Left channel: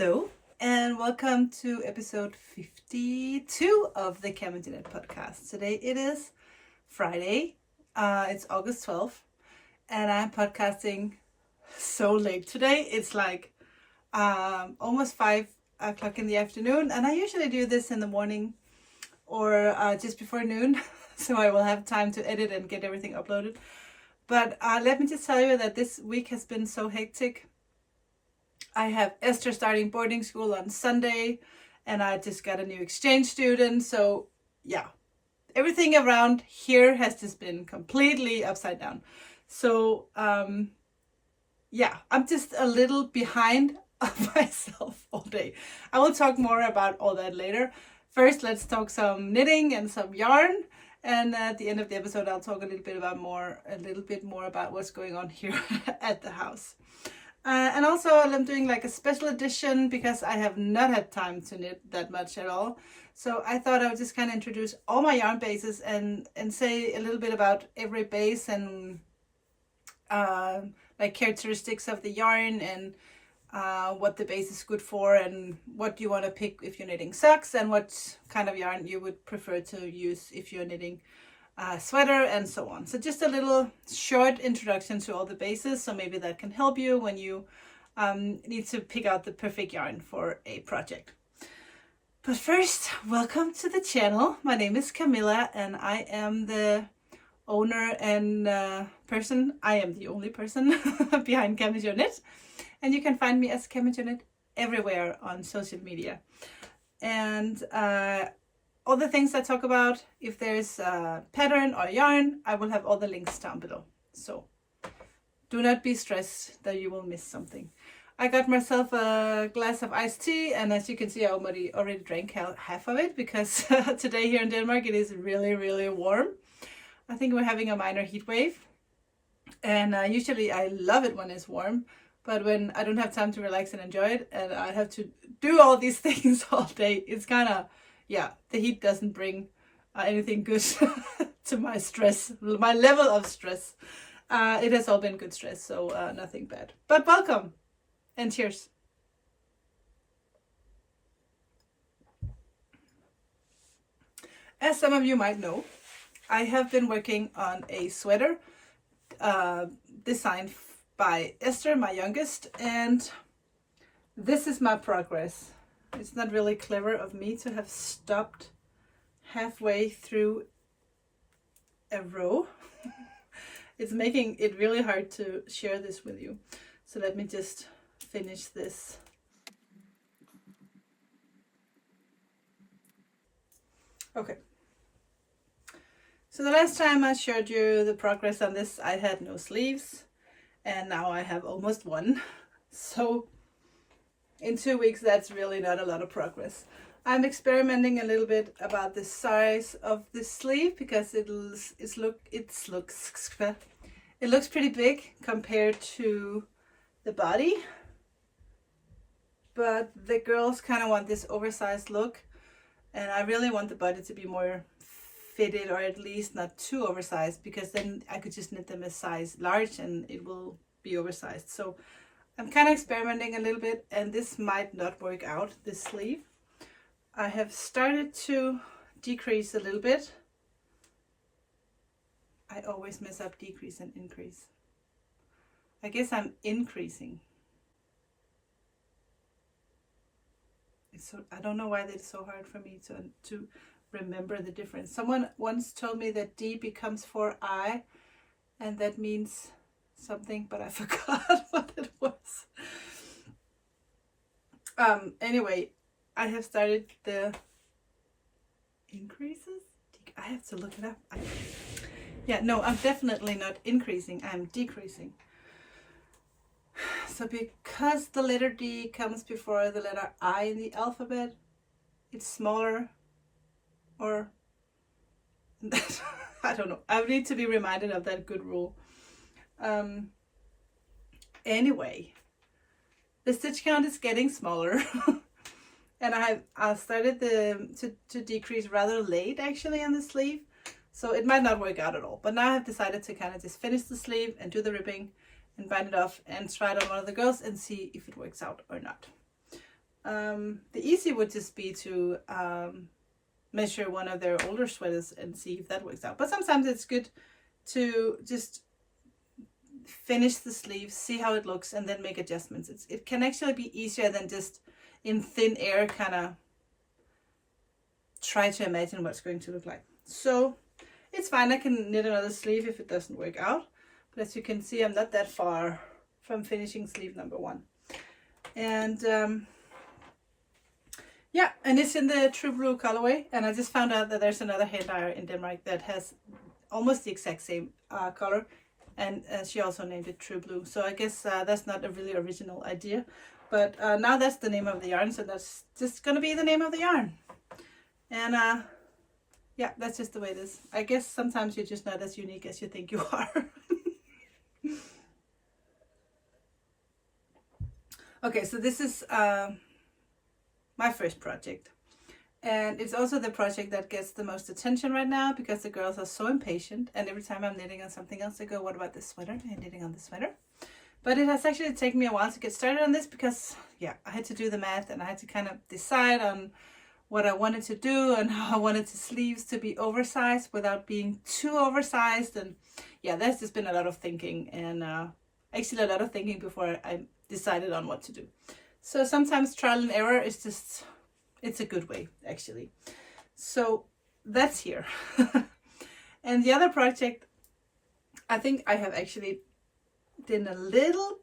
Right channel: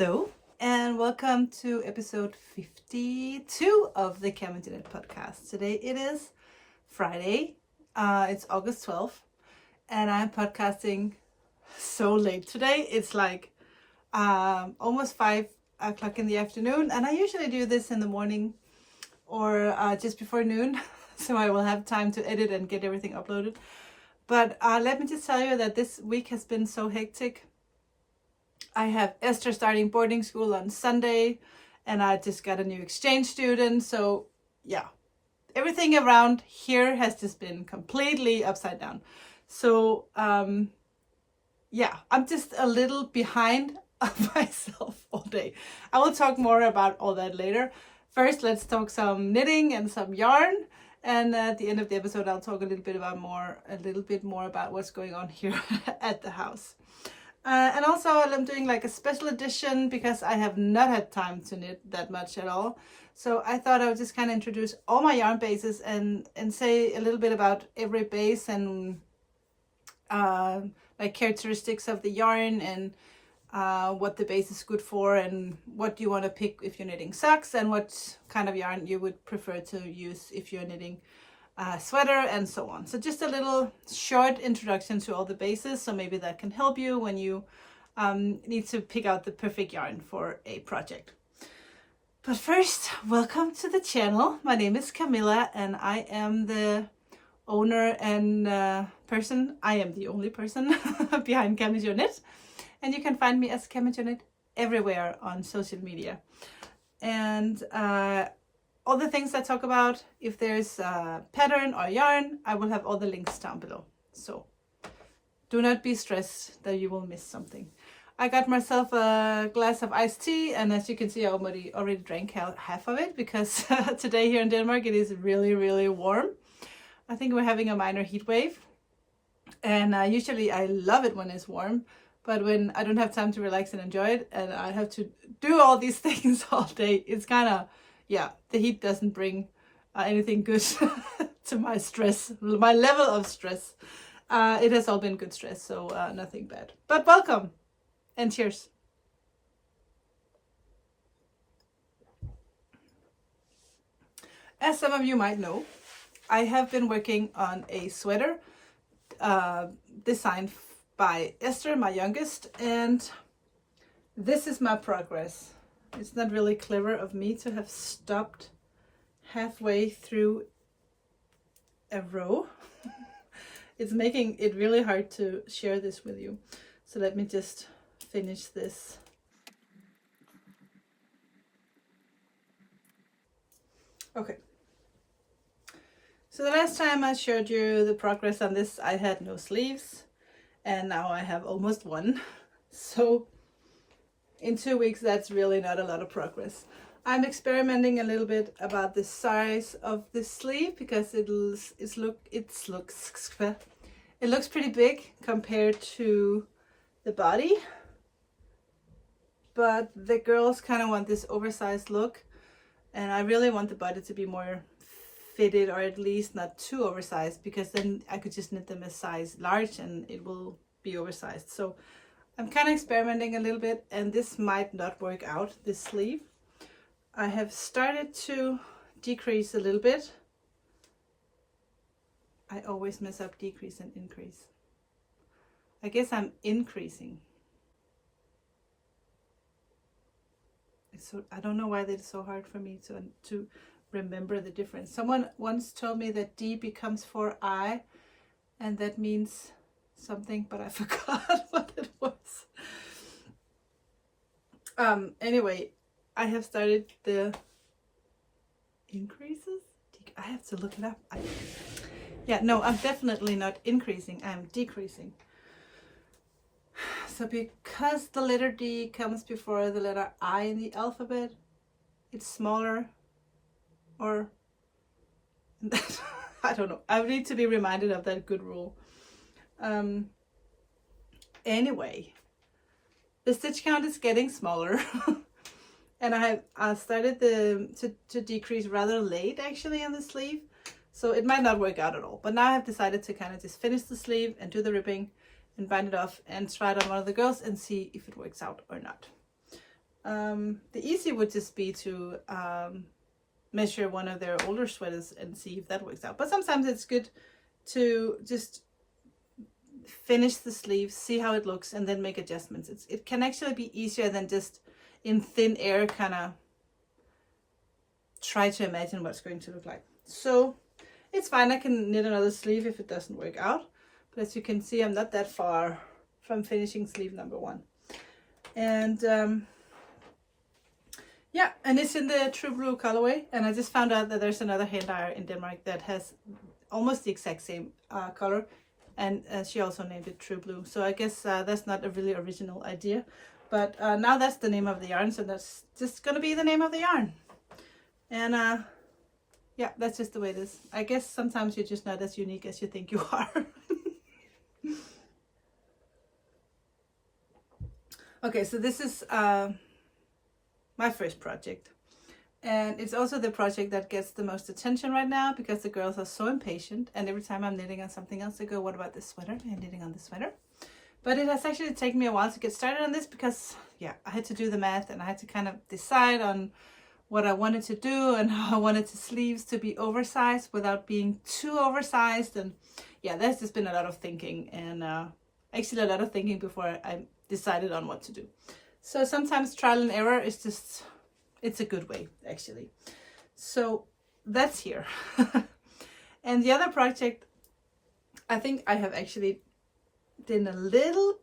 Hello and welcome to episode 52 of the Cameljanet podcast. Today it is Friday, it's August 12th, and I'm podcasting so late today. It's like almost 5 o'clock in the afternoon, and I usually do this in the morning or just before noon, so I will have time to edit and get everything uploaded. But let me just tell you that this week has been so hectic. I have Esther starting boarding school on Sunday, and I just got a new exchange student. So yeah, everything around here has just been completely upside down. So yeah, I'm just a little behind myself all day. I will talk more about all that later. First, let's talk some knitting and some yarn. And at the end of the episode, I'll talk a little bit more about what's going on here at the house. And also I'm doing like a special edition because I have not had time to knit that much at all. So I thought I would just kind of introduce all my yarn bases and say a little bit about every base and like characteristics of the yarn and what the base is good for and what you want to pick if you're knitting socks and what kind of yarn you would prefer to use if you're knitting sweater and so on. So just a little short introduction to all the bases, so maybe that can help you when you need to pick out the perfect yarn for a project. But first, welcome to the channel. My name is Camilla and I am the owner and I am the only person behind Cameljanet, and you can find me as Cameljanet everywhere on social media. And all the things I talk about, if there's a pattern or yarn, I will have all the links down below. So do not be stressed that you will miss something. I got myself a glass of iced tea, and as you can see, I already drank half of it because today here in Denmark it is really, really warm. I think we're having a minor heat wave, and usually I love it when it's warm, but when I don't have time to relax and enjoy it and I have to do all these things all day, it's kind of, yeah, the heat doesn't bring anything good to my stress, my level of stress. It has all been good stress, so nothing bad. But welcome and cheers. As some of you might know, I have been working on a sweater designed by Esther, my youngest, and this is my progress. It's not really clever of me to have stopped halfway through a row. It's making it really hard to share this with you. So let me just finish this. Okay. So the last time I showed you the progress on this, I had no sleeves, and now I have almost one. So in 2 weeks, that's really not a lot of progress. I'm experimenting a little bit about the size of the sleeve because it looks pretty big compared to the body. But the girls kind of want this oversized look, and I really want the body to be more fitted, or at least not too oversized, because then I could just knit them a size large and it will be oversized. So I'm kind of experimenting a little bit, and this might not work out, this sleeve. I have started to decrease a little bit. I always mess up decrease and increase. I guess I'm increasing. So I don't know why it's so hard for me to remember the difference. Someone once told me that D becomes for I, and that means something, but I forgot what it was. Anyway, I have started the increases. I have to look it up. Yeah, no, I'm definitely not increasing. I'm decreasing. So because the letter D comes before the letter I in the alphabet, it's smaller, or I don't know. I need to be reminded of that good rule. Anyway, the stitch count is getting smaller. And I started to decrease rather late actually on the sleeve, so it might not work out at all. But now I have decided to kind of just finish the sleeve and do the ribbing and bind it off and try it on one of the girls and see if it works out or not. The easy would just be to measure one of their older sweaters and see if that works out. But sometimes it's good to just finish the sleeve, see how it looks, and then make adjustments. It can actually be easier than just in thin air kind of try to imagine what's going to look like. So it's fine, I can knit another sleeve if it doesn't work out. But as you can see, I'm not that far from finishing sleeve number 1. And yeah, and it's in the True Blue colorway. And I just found out that there's another hand dyer in Denmark that has almost the exact same color. And she also named it True Blue. So I guess that's not a really original idea. But now that's the name of the yarn. So that's just going to be the name of the yarn. And yeah, that's just the way it is. I guess sometimes you're just not as unique as you think you are. Okay, so this is my first project. And it's also the project that gets the most attention right now because the girls are so impatient. And every time I'm knitting on something else, they go, what about this sweater? And knitting on the sweater. But it has actually taken me a while to get started on this because, yeah, I had to do the math and I had to kind of decide on what I wanted to do and how I wanted the sleeves to be oversized without being too oversized. And yeah, there's just been a lot of thinking and actually a lot of thinking before I decided on what to do. So sometimes trial and error is just, it's a good way actually. So that's here. And the other project, I think I have actually done a little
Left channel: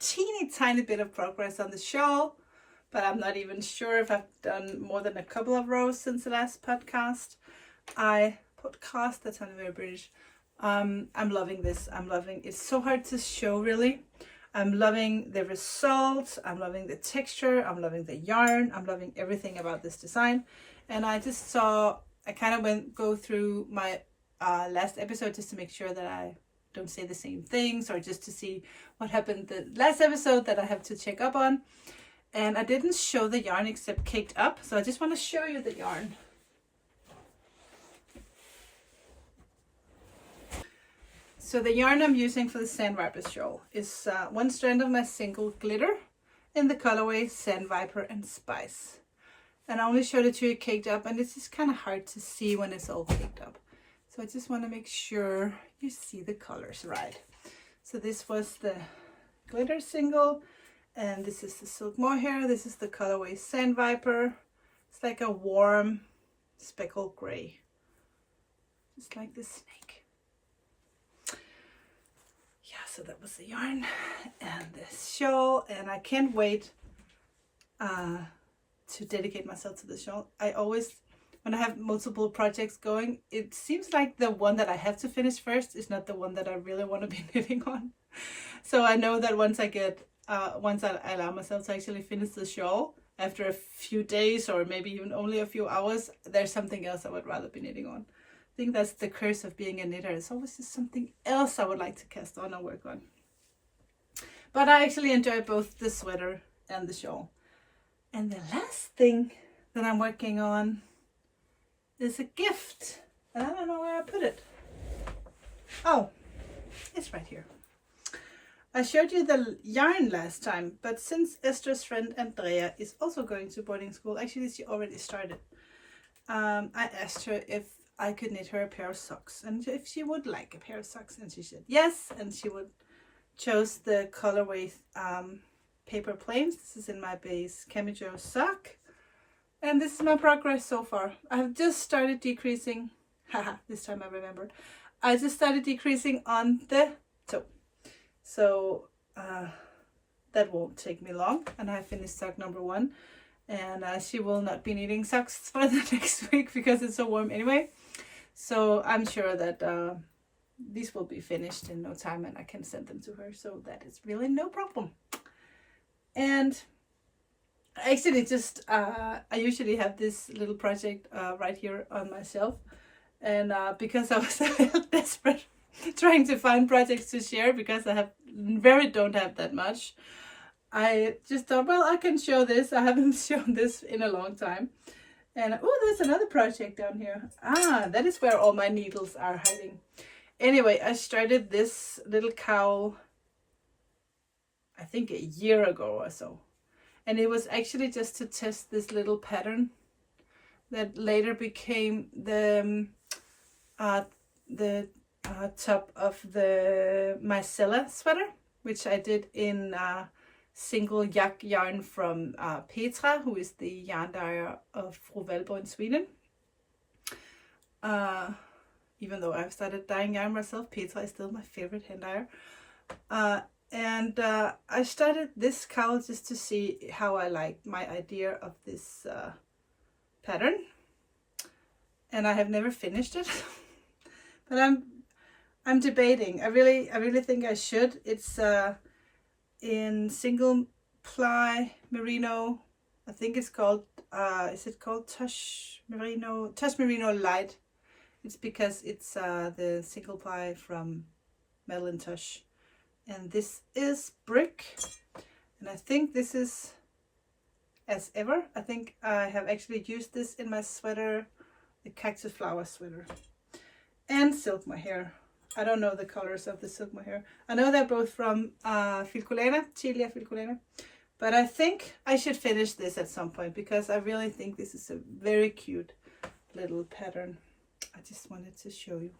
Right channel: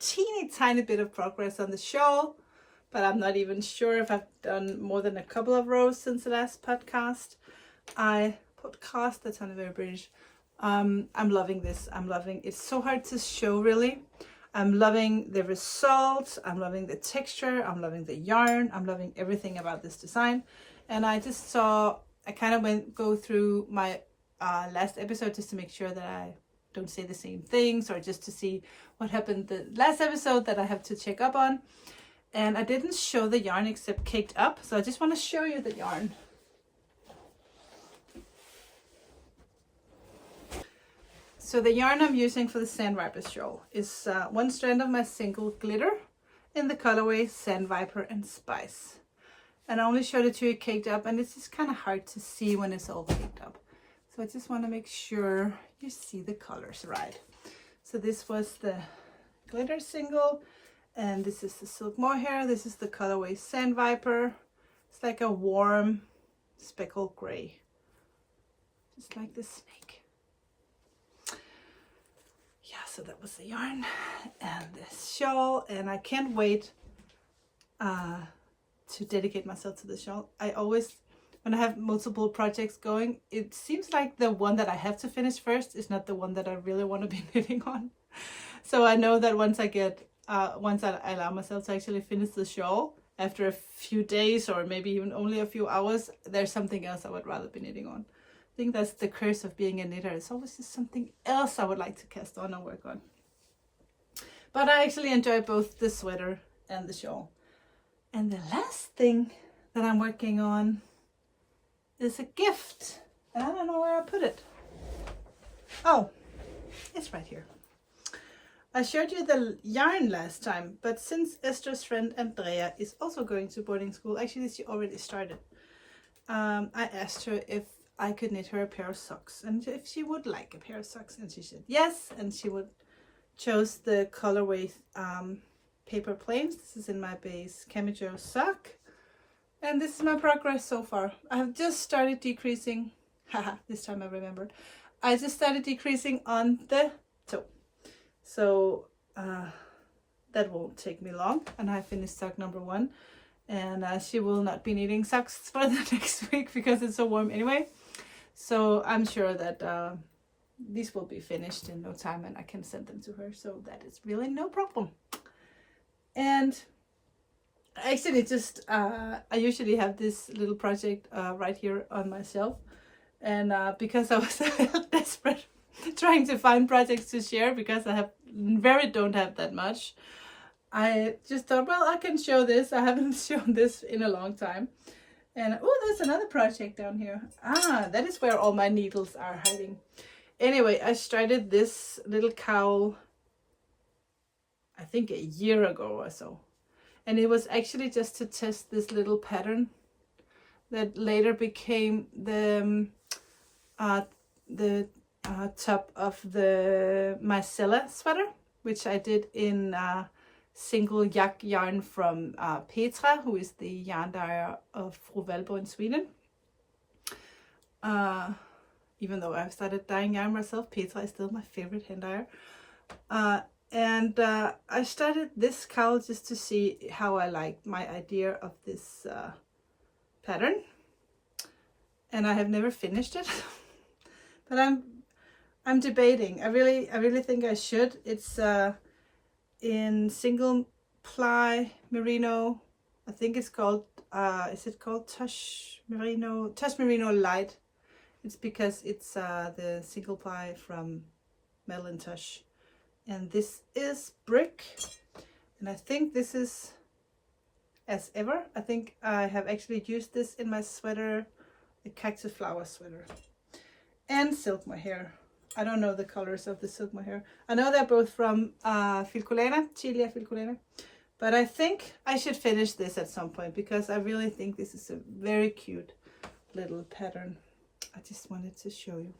teeny tiny bit of progress on the shawl. But I'm not even sure if I've done more than a couple of rows since the last podcast. That sounded very British. I'm loving this. I'm loving it's so hard to show really. I'm loving the results. I'm loving the texture. I'm loving the yarn. I'm loving everything about this design. And I just saw, I kind of go through my last episode just to make sure that I don't say the same things or just to see what happened the last episode that I have to check up on. And I didn't show the yarn except caked up. So I just want to show you the yarn. So the yarn I'm using for the Sandwiper shawl is one strand of my single glitter in the colorway Sandwiper and Spice. And I only showed it to you caked up and it's just kind of hard to see when it's all caked up. So I just want to make sure you see the colors right. So this was the glitter single. And this is the Silkmore Hair. This is the colorway Sandwiper. It's like a warm speckled gray. Just like the snake. Yeah, so that was the yarn and the shawl. And I can't wait to dedicate myself to the shawl. I always, when I have multiple projects going, it seems like the one that I have to finish first is not the one that I really want to be knitting on. So I know that once I allow myself to actually finish the shawl after a few days or maybe even only a few hours, there's something else I would rather be knitting on. I think that's the curse of being a knitter. It's always just something else I would like to cast on or work on. But I actually enjoy both the sweater and the shawl. And the last thing that I'm working on is a gift. And I don't know where I put it. Oh, it's right here. I showed you the yarn last time, but since Esther's friend Andrea is also going to boarding school, actually she already started, I asked her if I could knit her a pair of socks and if she would like a pair of socks, and she said yes, and she would chose the colorway paper planes. This is in my base Camijo sock, and this is my progress so far. I've just started decreasing, haha, this time I remembered. I just started decreasing on the toe. So that won't take me long, and I finished sock number 1, and she will not be needing socks for the next week because it's so warm anyway. So I'm sure that these will be finished in no time and I can send them to her, so that is really no problem. And actually just I usually have this little project right here on my shelf, and because I was desperate trying to find projects to share because I don't have that much, I just thought, well, I can show this. I haven't shown this in a long time. And oh, there's another project down here. Ah, that is where all my needles are hiding. Anyway, I started this little cowl I think a year ago or so, and it was actually just to test this little pattern that later became the top of the micellar sweater, which I did in single yak yarn from Petra, who is the yarn dyer of Fru Valborg in Sweden. Even though I've started dyeing yarn myself, Petra is still my favorite hand dyer. And I started this cowl just to see how I liked my idea of this pattern, and I have never finished it. But I'm debating. I really think I should. It's in single ply merino. I think it's called is it called Tush Merino Light. It's because it's the single ply from Madeline Tush. And this is brick, and I think this is as ever. I think I have actually used this in my sweater, the cactus flower sweater, and Silkmore Hair. I don't know the colors of the Silkmore Hair. I know they're both from Tilia Filcolena, but I think I should finish this at some point because I really think this is a very cute little pattern. I just wanted to show you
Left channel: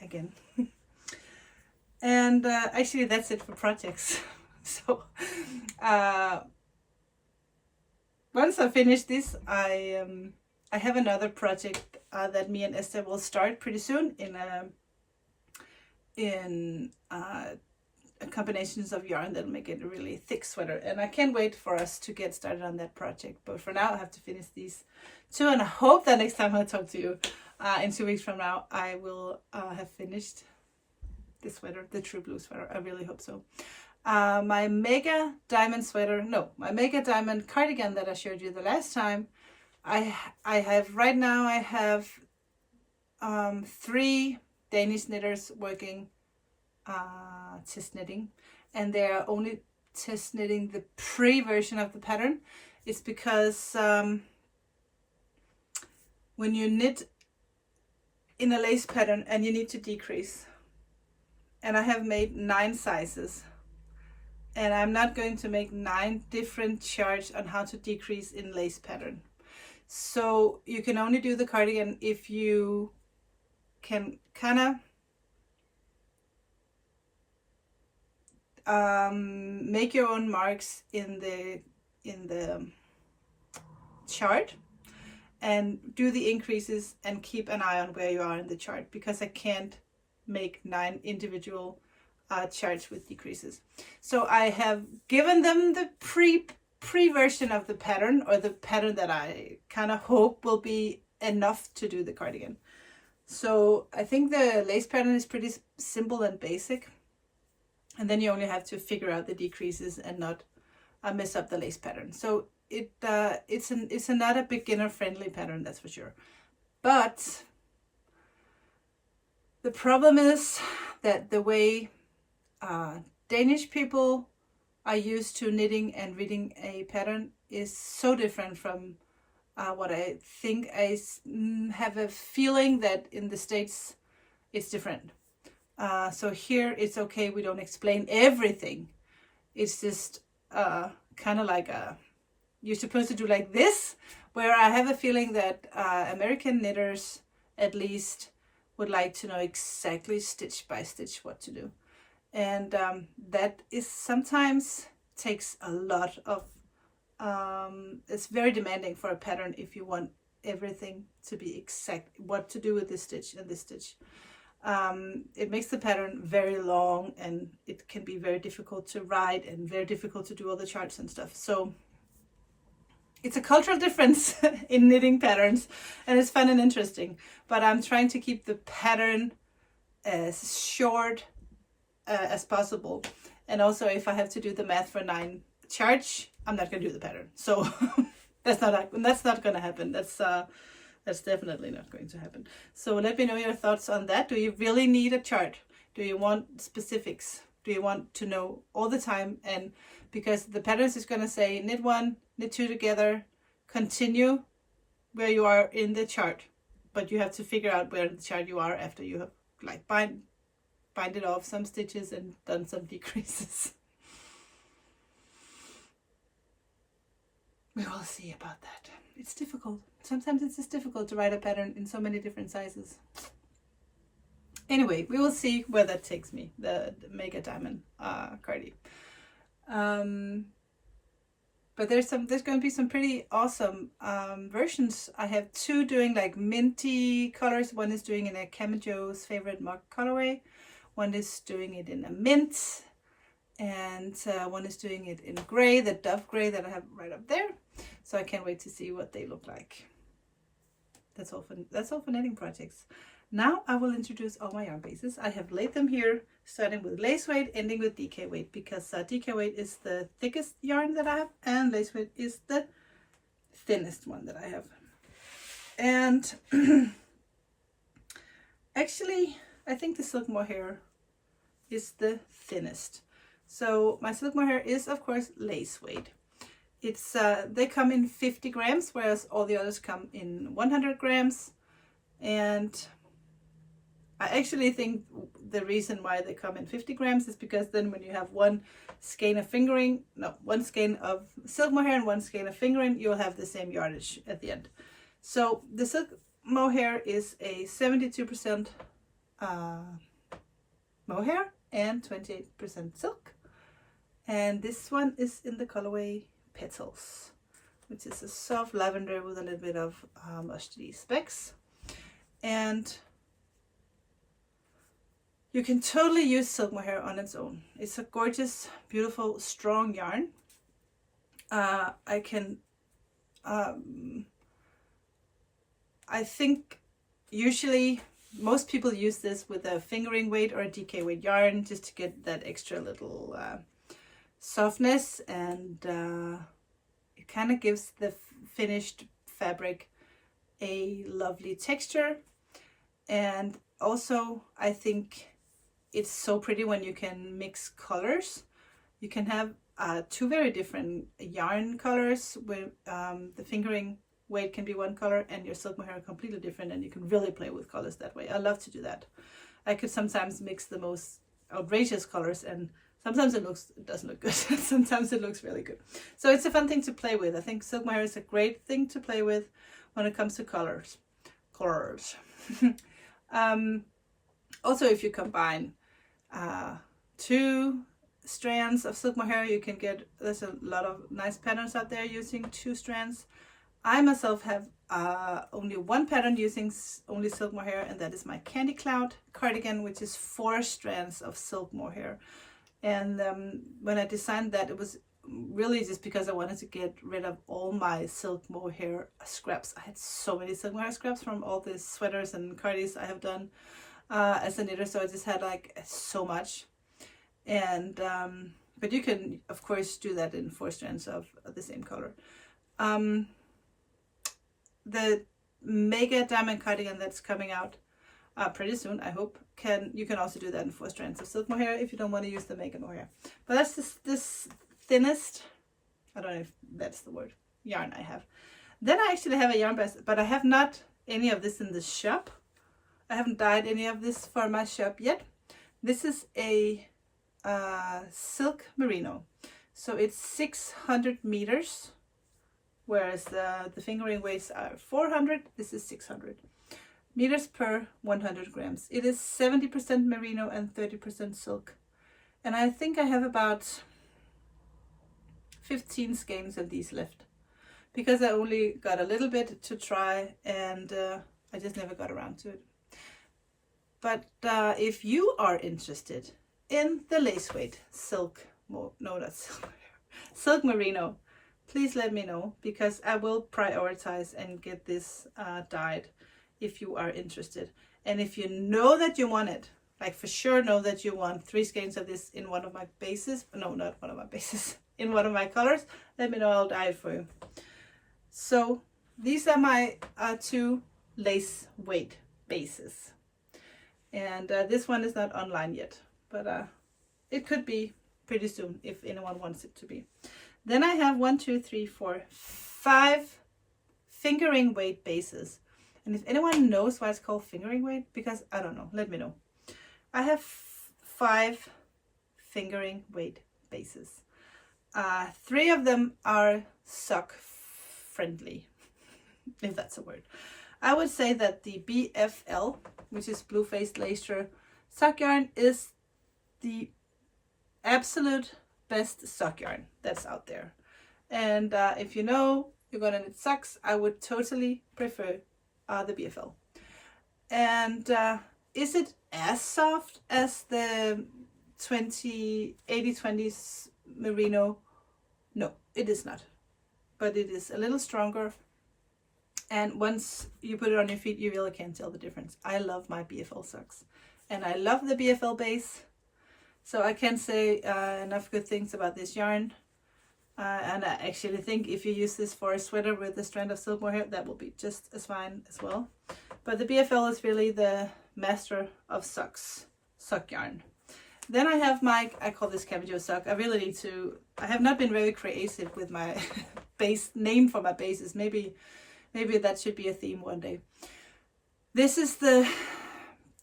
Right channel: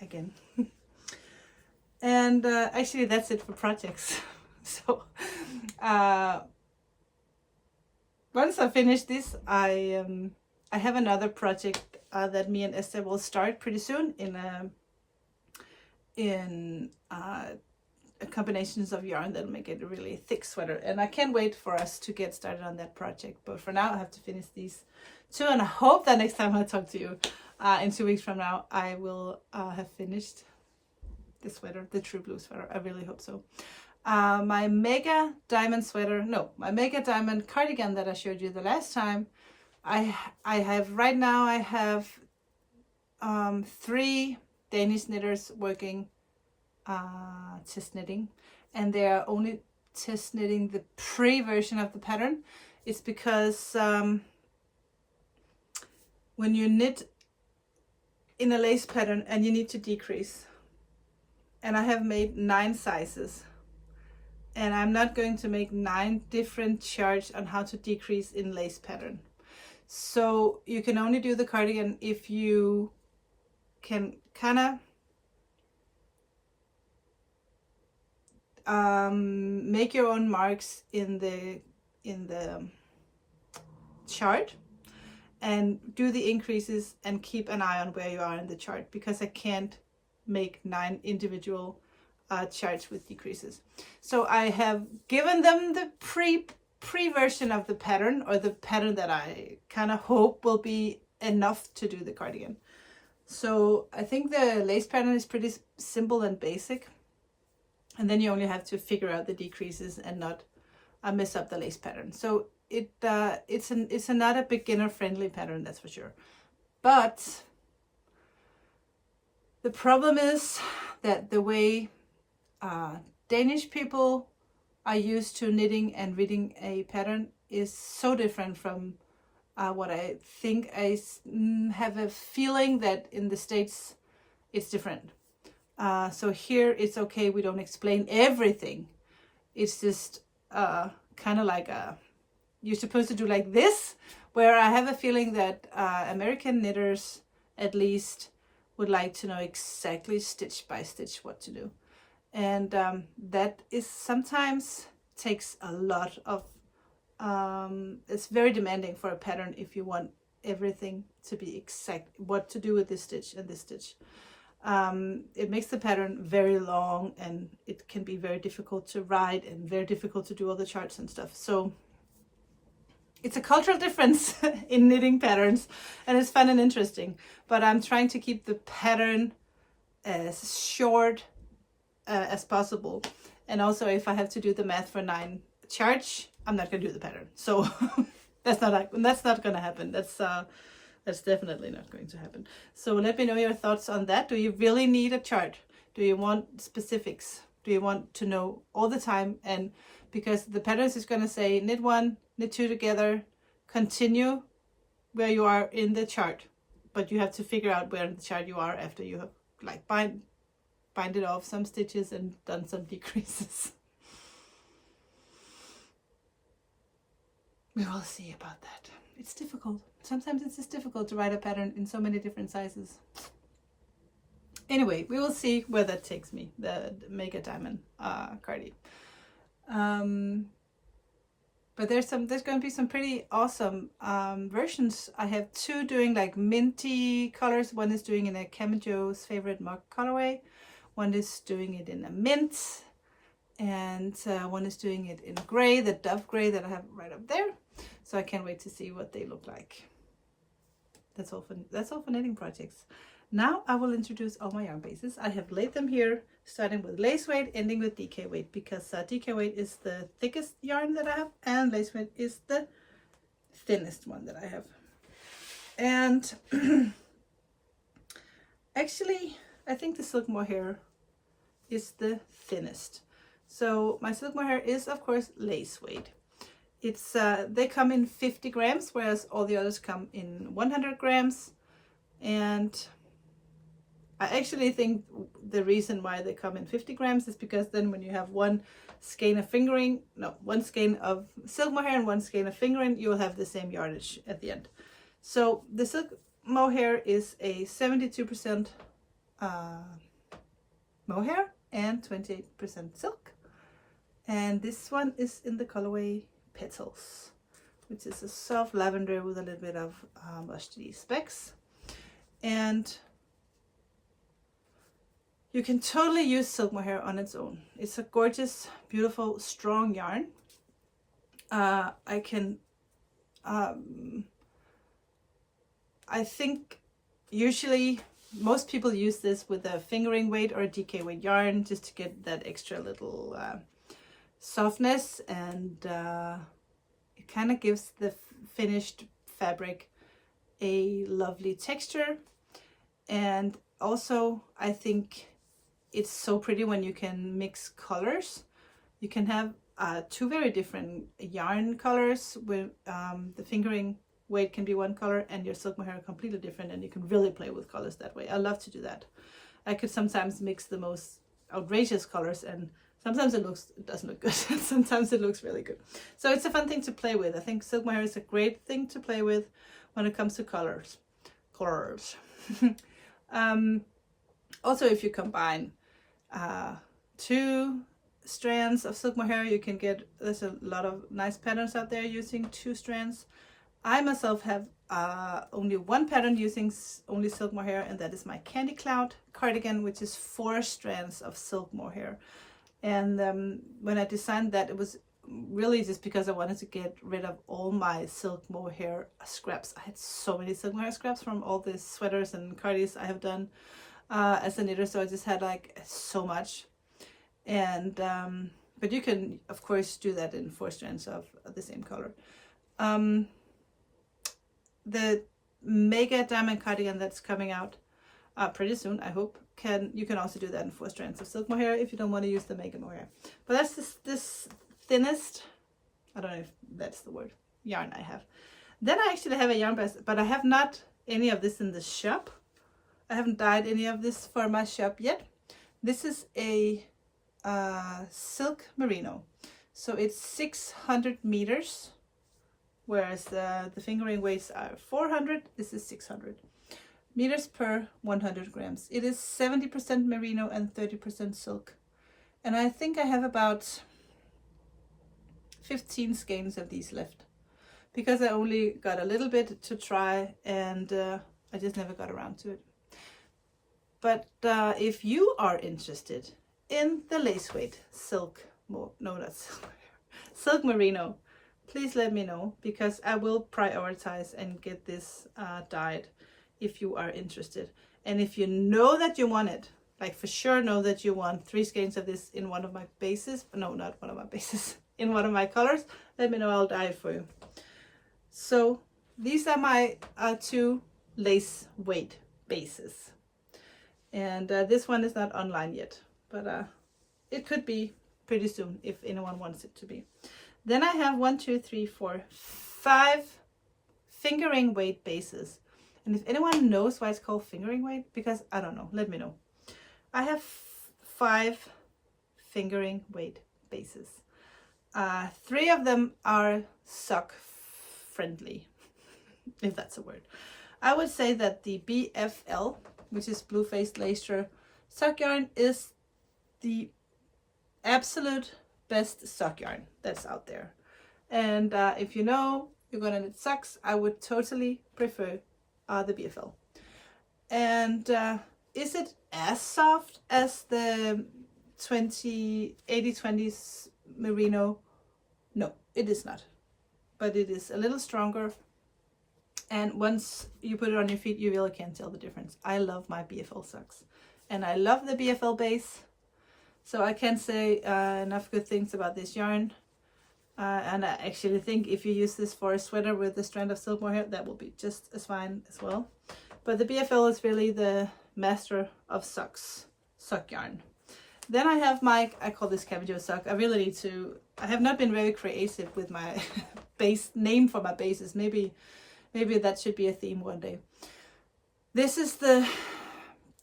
again. And actually that's it for projects. So once I finish this, I have another project that me and Esther will start pretty soon in combinations of yarn that'll make it a really thick sweater, and I can't wait for us to get started on that project. But for now I have to finish these two, and I hope that next time I talk to you in 2 weeks from now I will have finished the sweater, the true blue sweater. I really hope so. My mega diamond sweater, no, my mega diamond cardigan that I showed you the last time, I have right now, I have 3 Danish knitters working test knitting, and they are only test knitting the pre-version of the pattern. It's because when you knit in a lace pattern and you need to decrease, and I have made 9 sizes, and I'm not going to make 9 different charts on how to decrease in lace pattern. So you can only do the cardigan if you can kind of make your own marks in the chart and do the increases and keep an eye on where you are in the chart, because I can't make 9 individual charts with decreases. So I have given them the pre version of the pattern, or the pattern that I kind of hope will be enough to do the cardigan. So I think the lace pattern is pretty simple and basic, and then you only have to figure out the decreases and not mess up the lace pattern. So it's not a beginner friendly pattern, that's for sure. But the problem is that the way Danish people are used to knitting and reading a pattern is so different from what I think. I have a feeling that in the States it's different. So here it's okay, we don't explain everything. It's just kind of like you're supposed to do like this, where I have a feeling that American knitters at least would like to know exactly stitch by stitch what to do. And that is sometimes takes a lot of, it's very demanding for a pattern if you want everything to be exact, what to do with this stitch and this stitch. It makes the pattern very long, and it can be very difficult to write and very difficult to do all the charts and stuff. So it's a cultural difference in knitting patterns, and it's fun and interesting. But I'm trying to keep the pattern as short as possible. And also, if I have to do the math for 9 charts, I'm not going to do the pattern. So that's not going to happen. That's definitely not going to happen. So let me know your thoughts on that. Do you really need a chart? Do you want specifics? Do you want to know all the time? And because the patterns is going to say knit 1, knit 2 together, continue where you are in the chart, but you have to figure out where in the chart you are after you have like binded off some stitches and done some decreases. we will see about that. It's difficult. Sometimes it's just difficult to write a pattern in so many different sizes. Anyway, we will see where that takes me, the Mega Diamond cardi. But there's going to be some pretty awesome versions. I have two doing like minty colors. One is doing in a Camajo's favorite mug colorway. One is doing it in a mint. And one is doing it in gray, the dove gray that I have right up there. So I can't wait to see what they look like. That's all for knitting projects. Now I will introduce all my yarn bases. I have laid them here, starting with lace weight, ending with DK weight, because DK weight is the thickest yarn that I have, and lace weight is the thinnest one that I have. And actually, I think the Silkmore Hair is the thinnest. So my Silkmore Hair is, of course, lace weight. It's they come in 50 grams, whereas all the others come in 100 grams. And I actually think the reason why they come in 50 grams is because then when you have one skein of Silkmore Hair and one skein of fingering, you'll have the same yardage at the end. So the Silkmore Hair is a 72% mohair and 28% silk. And this one is in the colorway Petals, which is a soft lavender with a little bit of mustardy specks. And you can totally use Silkmore Hair on its own. It's a gorgeous, beautiful, strong yarn. I think usually most people use this with a fingering weight or a DK weight yarn just to get that extra little softness, and it kind of gives the finished fabric a lovely texture. And also I think it's so pretty when you can mix colors. You can have two very different yarn colors with the fingering weight can be one color and your Silkmore Hair completely different, and you can really play with colors that way. I love to do that. I could sometimes mix the most outrageous colors, and sometimes it doesn't look good. Sometimes it looks really good. So it's a fun thing to play with. I think Silkmore Hair is a great thing to play with when it comes to colors. Also, if you combine two strands of Silkmore Hair, you can get, there's a lot of nice patterns out there using two strands. I myself have only one pattern using only Silkmore Hair, and that is my Candy Cloud cardigan, which is 4 strands of Silkmore Hair. And when I designed that, it was really just because I wanted to get rid of all my Silkmore Hair scraps. I had so many Silkmore Hair scraps from all the sweaters and cardis I have done as a knitter, so I just had like so much. And but you can of course do that in 4 strands of the same color. The Mega Diamond cardigan that's coming out pretty soon, I hope, you can also do that in 4 strands of Silkmore Hair if you don't want to use the Mega Mohair. But that's this thinnest, I don't know if that's the word, yarn I have. Then I actually have a yarn base, but I have not any of this in the shop. I haven't dyed any of this for my shop yet. This is a silk merino, so it's 600 meters, whereas the fingering weights are 400. This is 600 meters per 100 grams. It is 70% merino and 30% silk, and I think I have about 15 skeins of these left because I only got a little bit to try, and I just never got around to it. But if you are interested in the lace weight silk merino, please let me know, because I will prioritize and get this dyed if you are interested. And if you know that you want it, like for sure know that you want 3 skeins of this in one of my bases, no, not one of my bases, in one of my colors, let me know, I'll dye it for you. So these are my 2 lace weight bases. And this one is not online yet, but it could be pretty soon if anyone wants it to be. Then I have 1, 2, 3, 4, 5 fingering weight bases. And if anyone knows why it's called fingering weight, because I don't know, let me know. I have 5 fingering weight bases. 3 of them are sock friendly, if that's a word. I would say that the BFL, which is blue faced lacer sock yarn, is the absolute best sock yarn that's out there. And if you know you're gonna knit socks, I would totally prefer the BFL. And is it as soft as the 80/20 merino? No, it is not, but it is a little stronger, and once you put it on your feet you really can't tell the difference. I love my BFL socks, and I love the BFL base, so I can't say enough good things about this yarn. And I actually think if you use this for a sweater with a strand of Silkmore hair, that will be just as fine as well. But the BFL is really the master of socks, sock yarn. Then I have my, I call this Cabbage sock. I have not been very creative with my base name for my bases. Maybe that should be a theme one day. This is the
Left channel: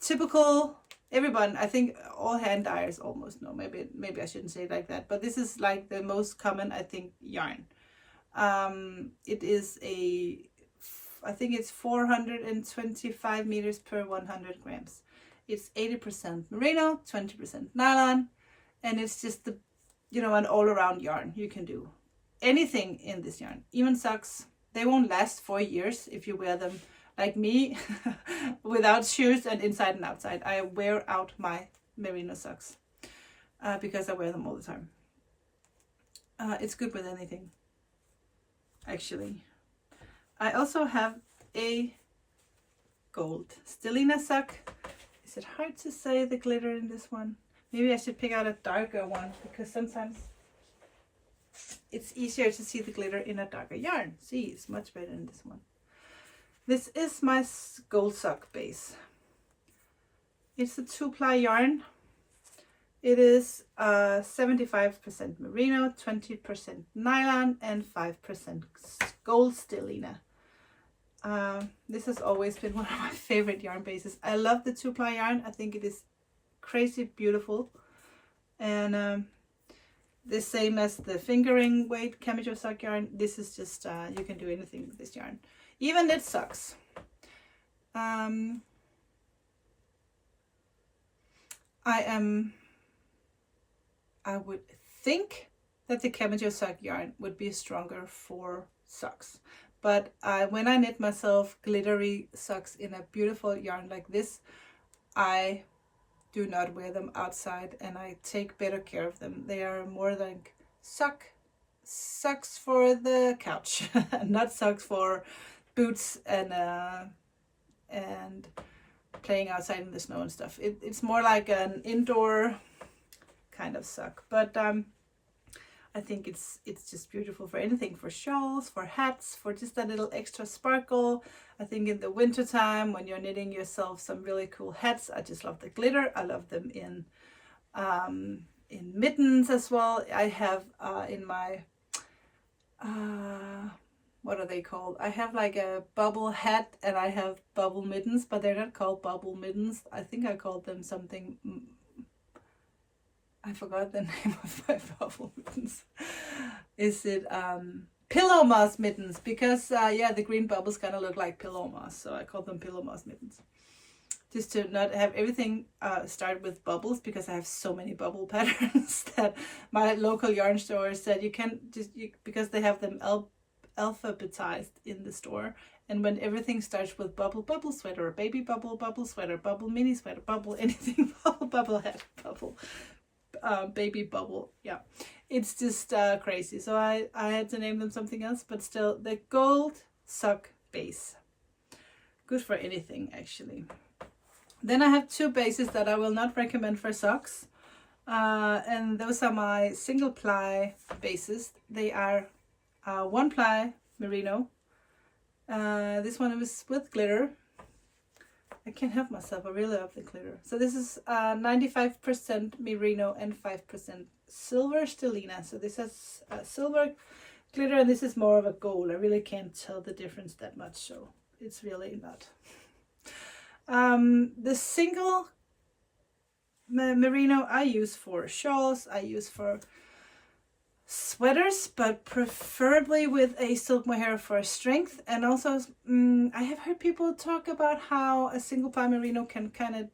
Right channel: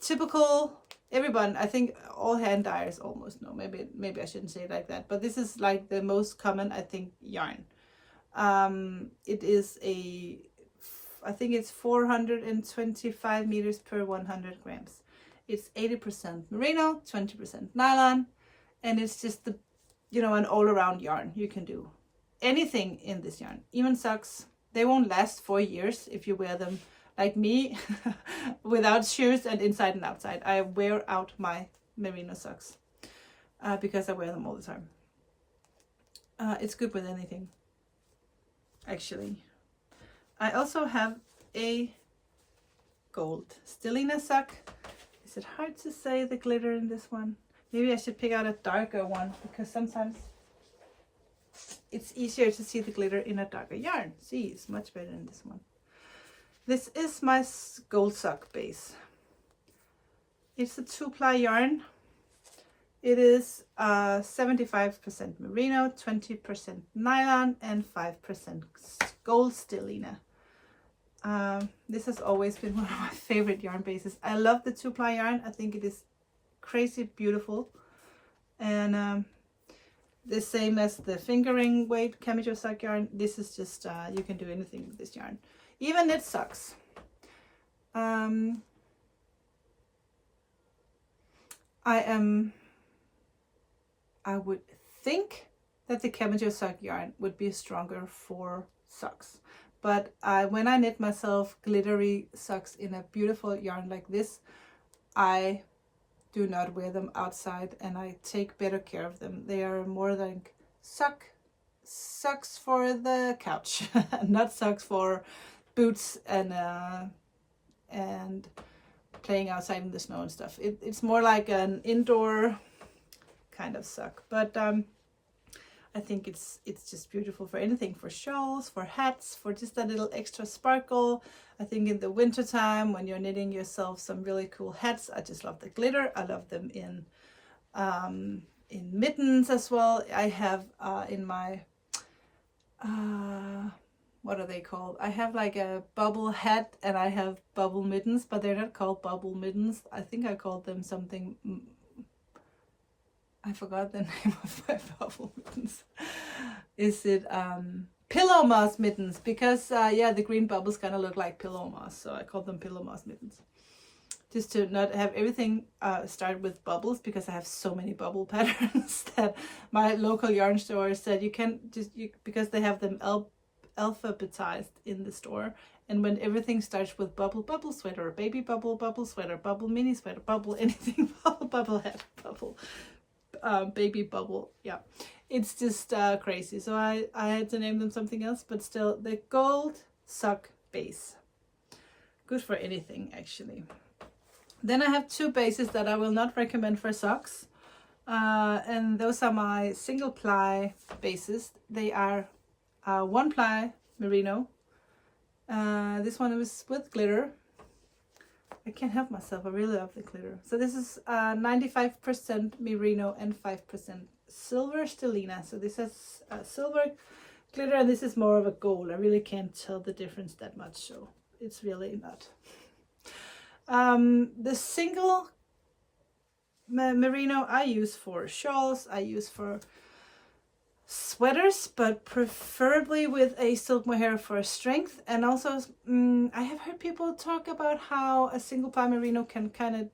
typical, everyone, I think all hand dyers almost know, maybe I shouldn't say it like that, but this is like the most common, I think, yarn. It is I think it's 425 meters per 100 grams. It's 80% merino, 20% nylon, and it's just the, an all-around yarn. You can do anything in this yarn, even socks. They won't last 4 years if you wear them like me, without shoes and inside and outside. I wear out my merino socks because I wear them all the time. It's good with anything, actually. I also have a gold stellina sock. Is it hard to say the glitter in this one? Maybe I should pick out a darker one, because sometimes it's easier to see the glitter in a darker yarn. See, it's much better in this one. This is my gold sock base. It's a 2-ply yarn. It is 75% merino, 20% nylon, and 5% gold stellina. This has always been one of my favorite yarn bases. I love the 2-ply yarn. I think it is crazy beautiful. And the same as the fingering weight Cabbage sock yarn. This is just, you can do anything with this yarn. Even knit socks. I would think that the Cabbage sock yarn would be stronger for socks. But when I knit myself glittery socks in a beautiful yarn like this, I do not wear them outside, and I take better care of them. They are more like socks for the couch, not socks for boots and playing outside in the snow and stuff. It's more like an indoor kind of sock, but I think it's just beautiful for anything, for shawls, for hats, for just a little extra sparkle. I think in the winter time when you're knitting yourself some really cool hats, I just love the glitter. I love them in mittens as well. I have in my what are they called? I have like a bubble hat, and I have bubble mittens, but they're not called bubble mittens. I think I called them something. I forgot the name of my bubble mittens. Is it pillow moss mittens? Because yeah, the green bubbles kind of look like pillow moss, so I call them pillow moss mittens. Just to not have everything start with bubbles, because I have so many bubble patterns that my local yarn store said you can't because they have them alphabetized in the store. And when everything starts with bubble sweater, baby bubble sweater, bubble mini sweater, bubble anything, bubble hat, bubble baby bubble, yeah, it's just crazy. So I had to name them something else, but still, the gold sock base, good for anything actually. Then I have 2 bases that I will not recommend for socks, and those are my single ply bases. They are 1-ply merino. This one was with glitter. I can't help myself, I really love the glitter. So this is 95% merino and 5% silver stellina. So this has silver glitter, and this is more of a gold. I really can't tell the difference that much, so it's really not. The single merino I use for shawls, I use for sweaters, but preferably with a Silkmore Hair for strength. And also, I have heard people talk about how a single ply merino can kind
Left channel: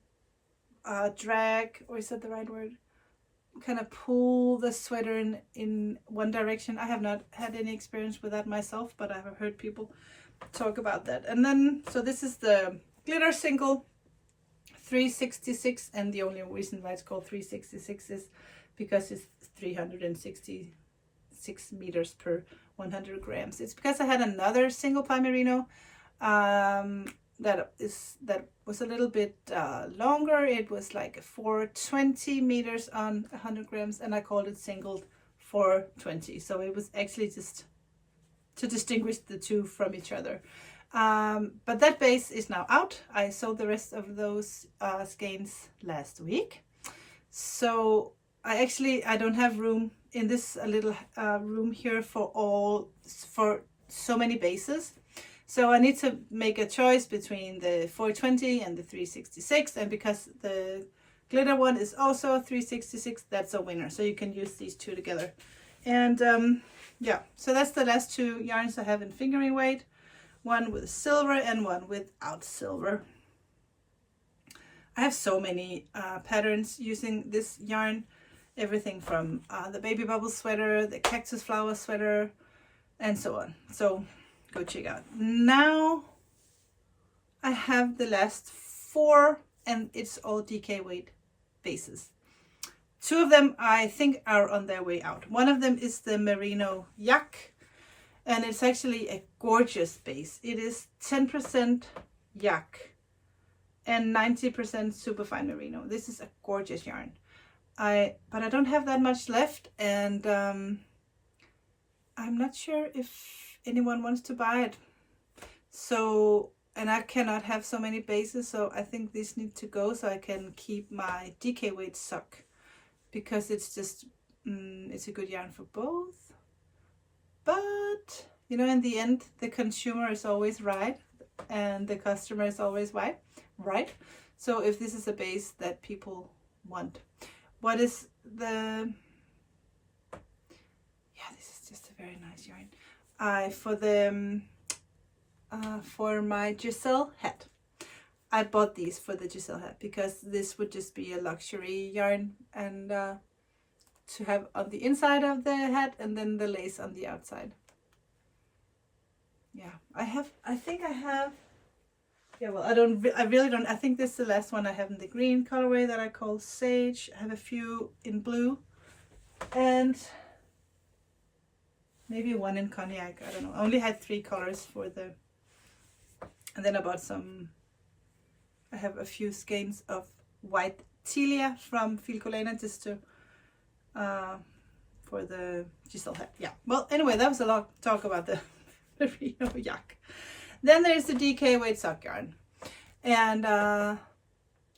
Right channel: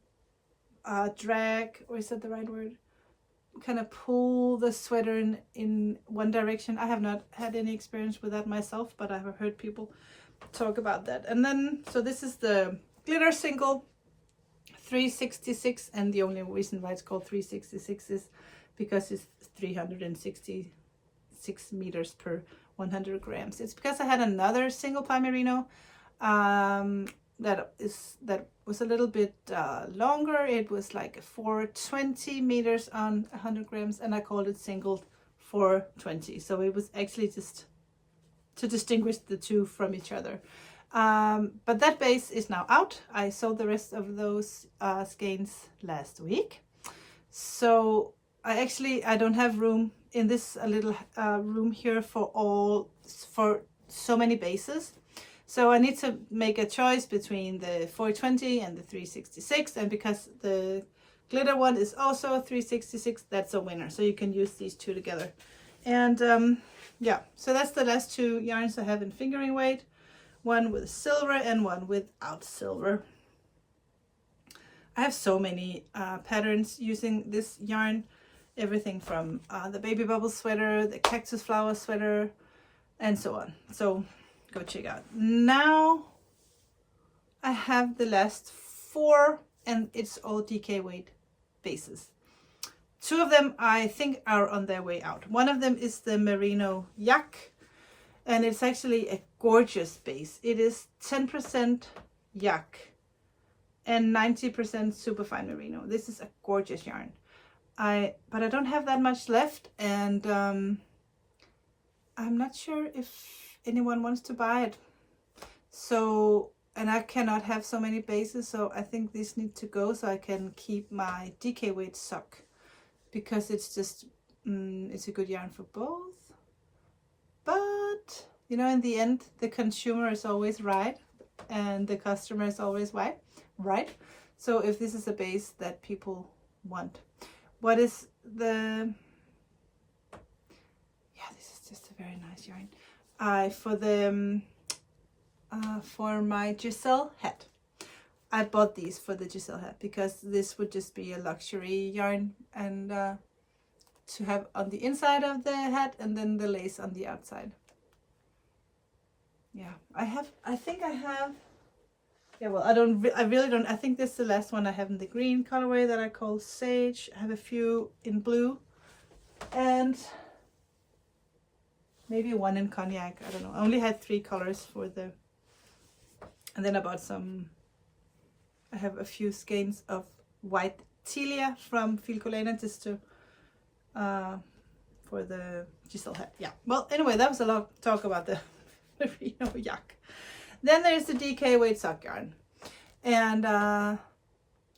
of drag, or is that the right word? Kind of pull the sweater in one direction. I have not had any experience with that myself, but I have heard people talk about that. And then, so this is the glitter single 366, and the only reason why it's called 366 is because it's 366 meters per 100 grams. It's because I had another single ply merino that was a little bit longer. It was like 420 meters on 100 grams, and I called it single 420. So it was actually just to distinguish the two from each other. But that base is now out. I sold the rest of those skeins last week. So I don't have room in this little room here for so many bases. So I need to make a choice between the 420 and the 366. And because the glitter one is also 366, that's a winner. So you can use these two together. And yeah, so that's the last two yarns I have in fingering weight. One with silver and one without silver. I have so many patterns using this yarn. Everything from the baby bubble sweater, the cactus flower sweater, and so on. So go check out. Now I have the last 4, and it's all DK weight bases. 2 of them I think are on their way out. One of them is the merino yak, and it's actually a gorgeous base. It is 10% yak and 90% superfine merino. This is a gorgeous yarn. But I don't have that much left, and I'm not sure if anyone wants to buy it. So, and I cannot have so many bases, so I think these need to go so I can keep my DK weight sock, because it's just it's a good yarn for both. But you know, in the end, the consumer is always right and the customer is always right. So if this is a base that people want, what is the, yeah, this is just a very nice yarn. For my Giselle hat, I bought these for the Giselle hat because this would just be a luxury yarn, and to have on the inside of the hat, and then the lace on the outside. Yeah, I think I have, yeah, well, I really don't, I think this is the last one I have in the green colorway that I call Sage. I have a few in blue, and maybe one in cognac, I don't know. I only had 3 colors for the, and then I bought some, I have a few skeins of white Tilia from Filcolena just to, for the Giselle hat. Yeah, well, anyway, that was a lot of talk about the merino yak. Then there's the DK weight sock yarn, and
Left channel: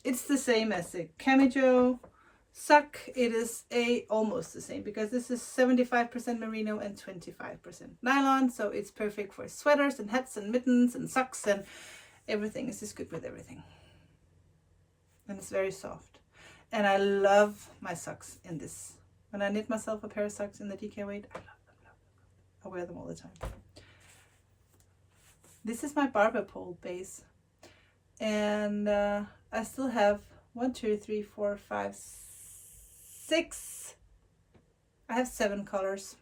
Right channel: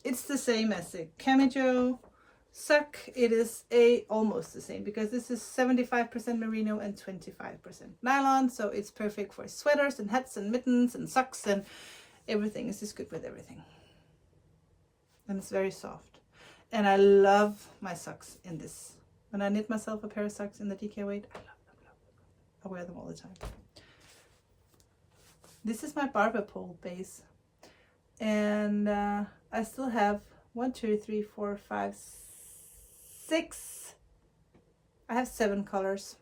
it's the same as the Camijo sock. It is almost the same, because this is 75% merino and 25% nylon, so it's perfect for sweaters and hats and mittens and socks and everything. It's just good with everything, and it's very soft. And I love my socks in this. When I knit myself a pair of socks in the DK weight, I love them, love them. I wear them all the time. This is my barber pole base, and I still have 1, 2, 3, 4, 5, 6. I have 7 colors,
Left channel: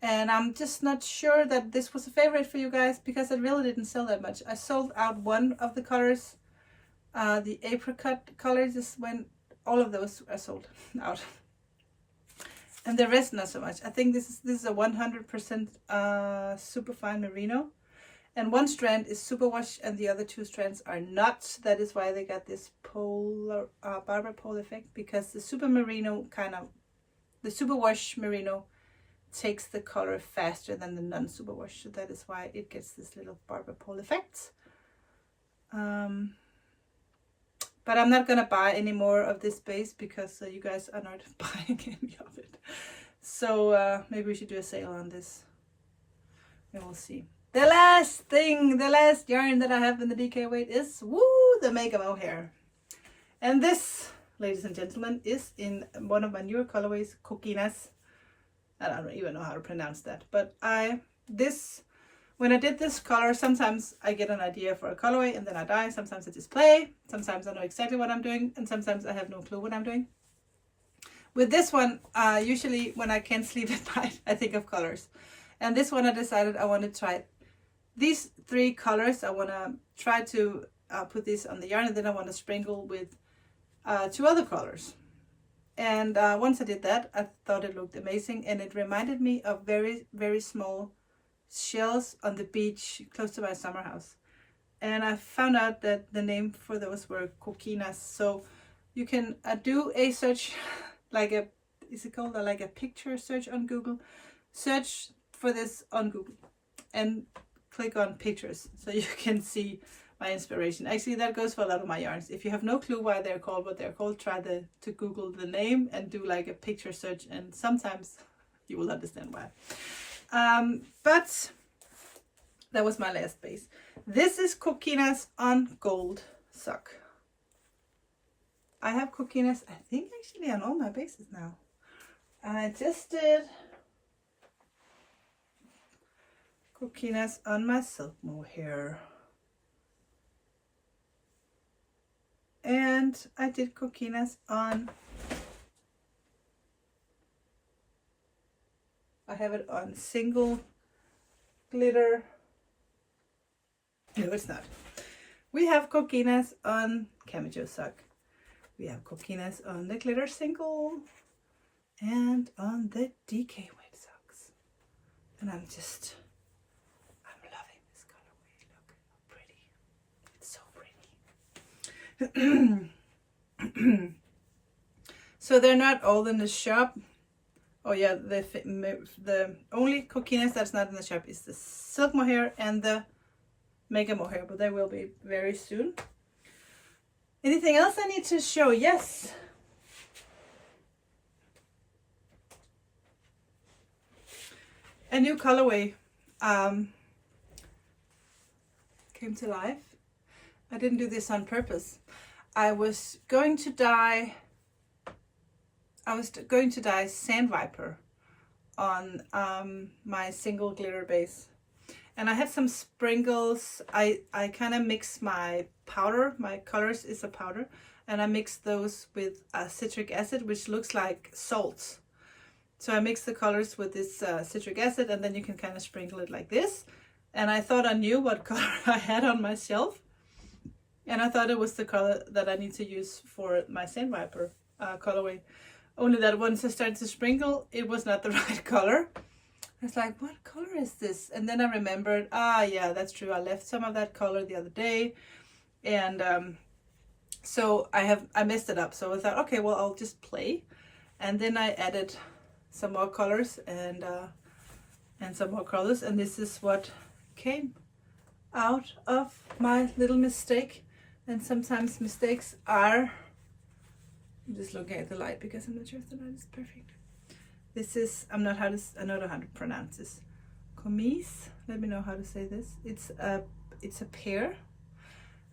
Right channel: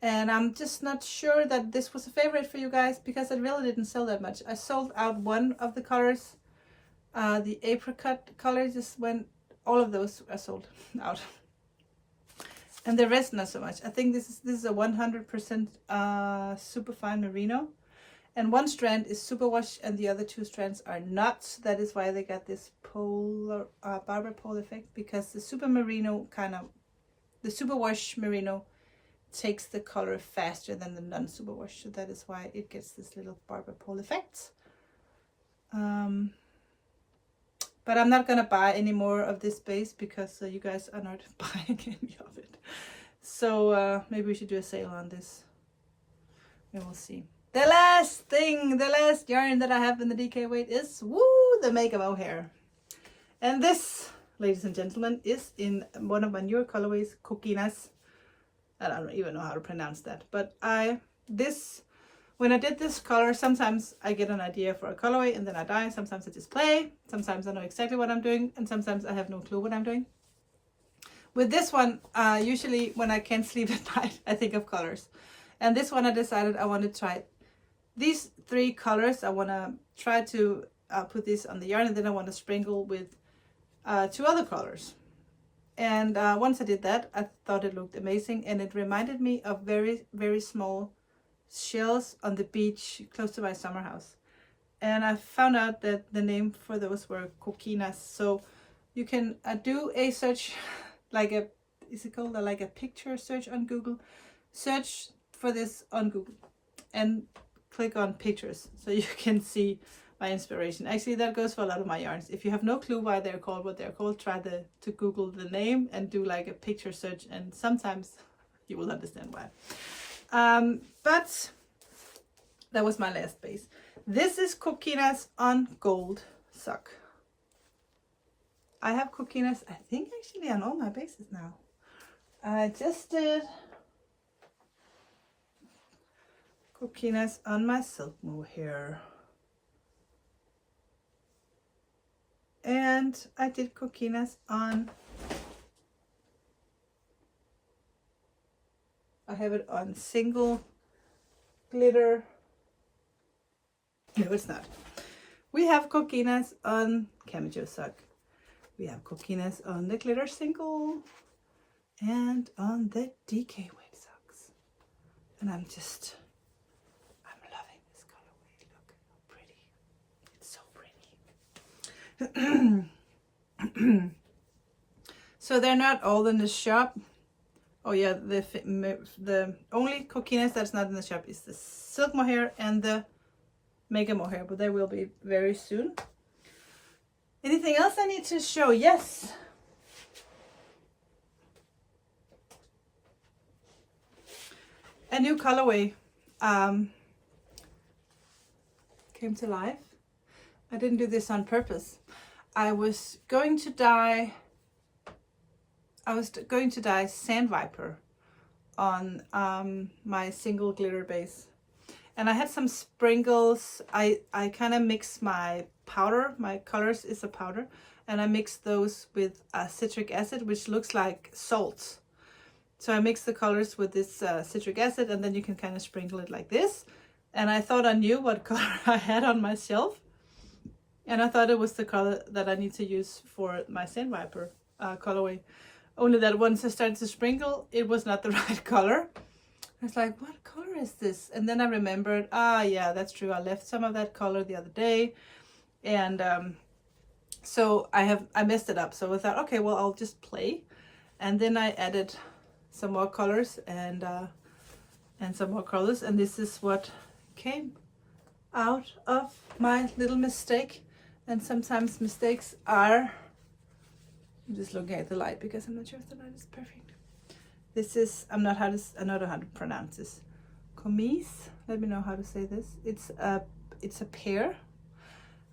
and I'm just not sure that this was a favorite for you guys, because I really didn't sell that much. I sold out one of the colors, the apricot color. Just when all of those are sold out, and the rest not so much. I think this is a 100% superfine merino. And one strand is superwash and the other 2 strands are not. That is why they got this polar barber pole effect, because the super merino the superwash merino takes the color faster than the non-superwash. So that is why it gets this little barber pole effect. But I'm not going to buy any more of this base, because you guys are not buying any of it. So maybe we should do a sale on this, and we'll see. The last yarn that I have in the DK weight is, the Mohair. And this, ladies and gentlemen, is in one of my newer colorways, Coquinas. I don't even know how to pronounce that, but when I did this color, sometimes I get an idea for a colorway and then I dye. Sometimes I just play. Sometimes I know exactly what I'm doing, and sometimes I have no clue what I'm doing. With this one, usually when I can't sleep at night, I think of colors. And this one I decided I want to try these 3 colors. I want to try to put this on the yarn, and then I want to sprinkle with 2 other colors. And once I did that, I thought it looked amazing, and it reminded me of very, very small shells on the beach close to my summer house. And I found out that the name for those were quinas. So you can do a search, like a, is it called like a picture search on Google? Search for this on Google and click on pictures so you can see my inspiration. Actually, that goes for a lot of my yarns. If you have no clue why they're called what they're called, try to Google the name and do like a picture search, and sometimes you will understand why. But that was my last base. This is quinas on gold sock. I have quinas, I think, actually on all my bases now. I just did quinas on my Silkmore Hair. And I did quinas on, I have it on single glitter. No, it's not. We have quinas on camijo sock. We have quinas on the glitter single and on the DK weight socks. And I'm loving this colorway. Look how pretty. It's so pretty. So they're not all in the shop. Oh yeah, the only quinas that's not in the shop is the Silkmore Hair and the Mohair, but they will be very soon. Anything else I need to show? Yes. A new colorway came to life. I didn't do this on purpose. I was going to dye Sandwiper on my single glitter base. And I had some sprinkles. I kind of mixed my powder. My colors is a powder. And I mixed those with citric acid, which looks like salt. So I mixed the colors with this citric acid, and then you can kind of sprinkle it like this. And I thought I knew what color I had on my shelf. And I thought it was the color that I need to use for my Sandwiper colorway. Only that once I started to sprinkle, it was not the right color. I was like, what color is this? And then I remembered, yeah, that's true. I left some of that color the other day. And so I messed it up. So I thought, okay, well, I'll just play. And then I added some more colors and some more colors. And this is what came out of my little mistake. And sometimes mistakes are, I'm just looking at the light because I'm not sure if the light is perfect. This is, I don't know how to pronounce this. Comis, let me know how to say this. It's a pear.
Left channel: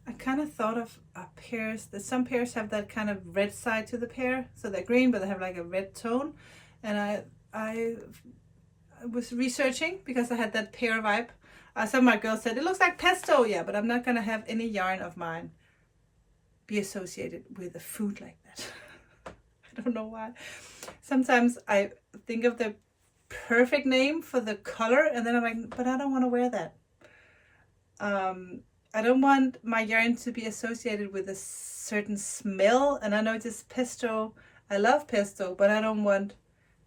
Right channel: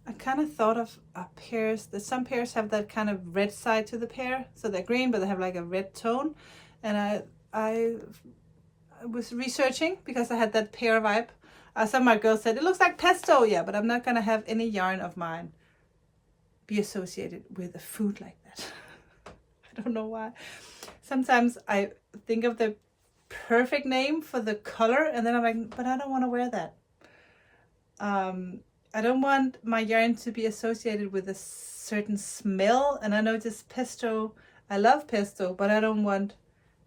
I kind of thought of pears, that some pears have that kind of red side to the pear. So they're green, but they have like a red tone. And I was researching because I had that pear vibe. Some of my girls said, it looks like pesto. Yeah, but I'm not going to have any yarn of mine be associated with a fruit like that. I don't know why. Sometimes I think of the perfect name for the color, and then I'm like, but I don't want to wear that. I don't want my yarn to be associated with a certain smell. And I know just pesto, I love pesto, but I don't want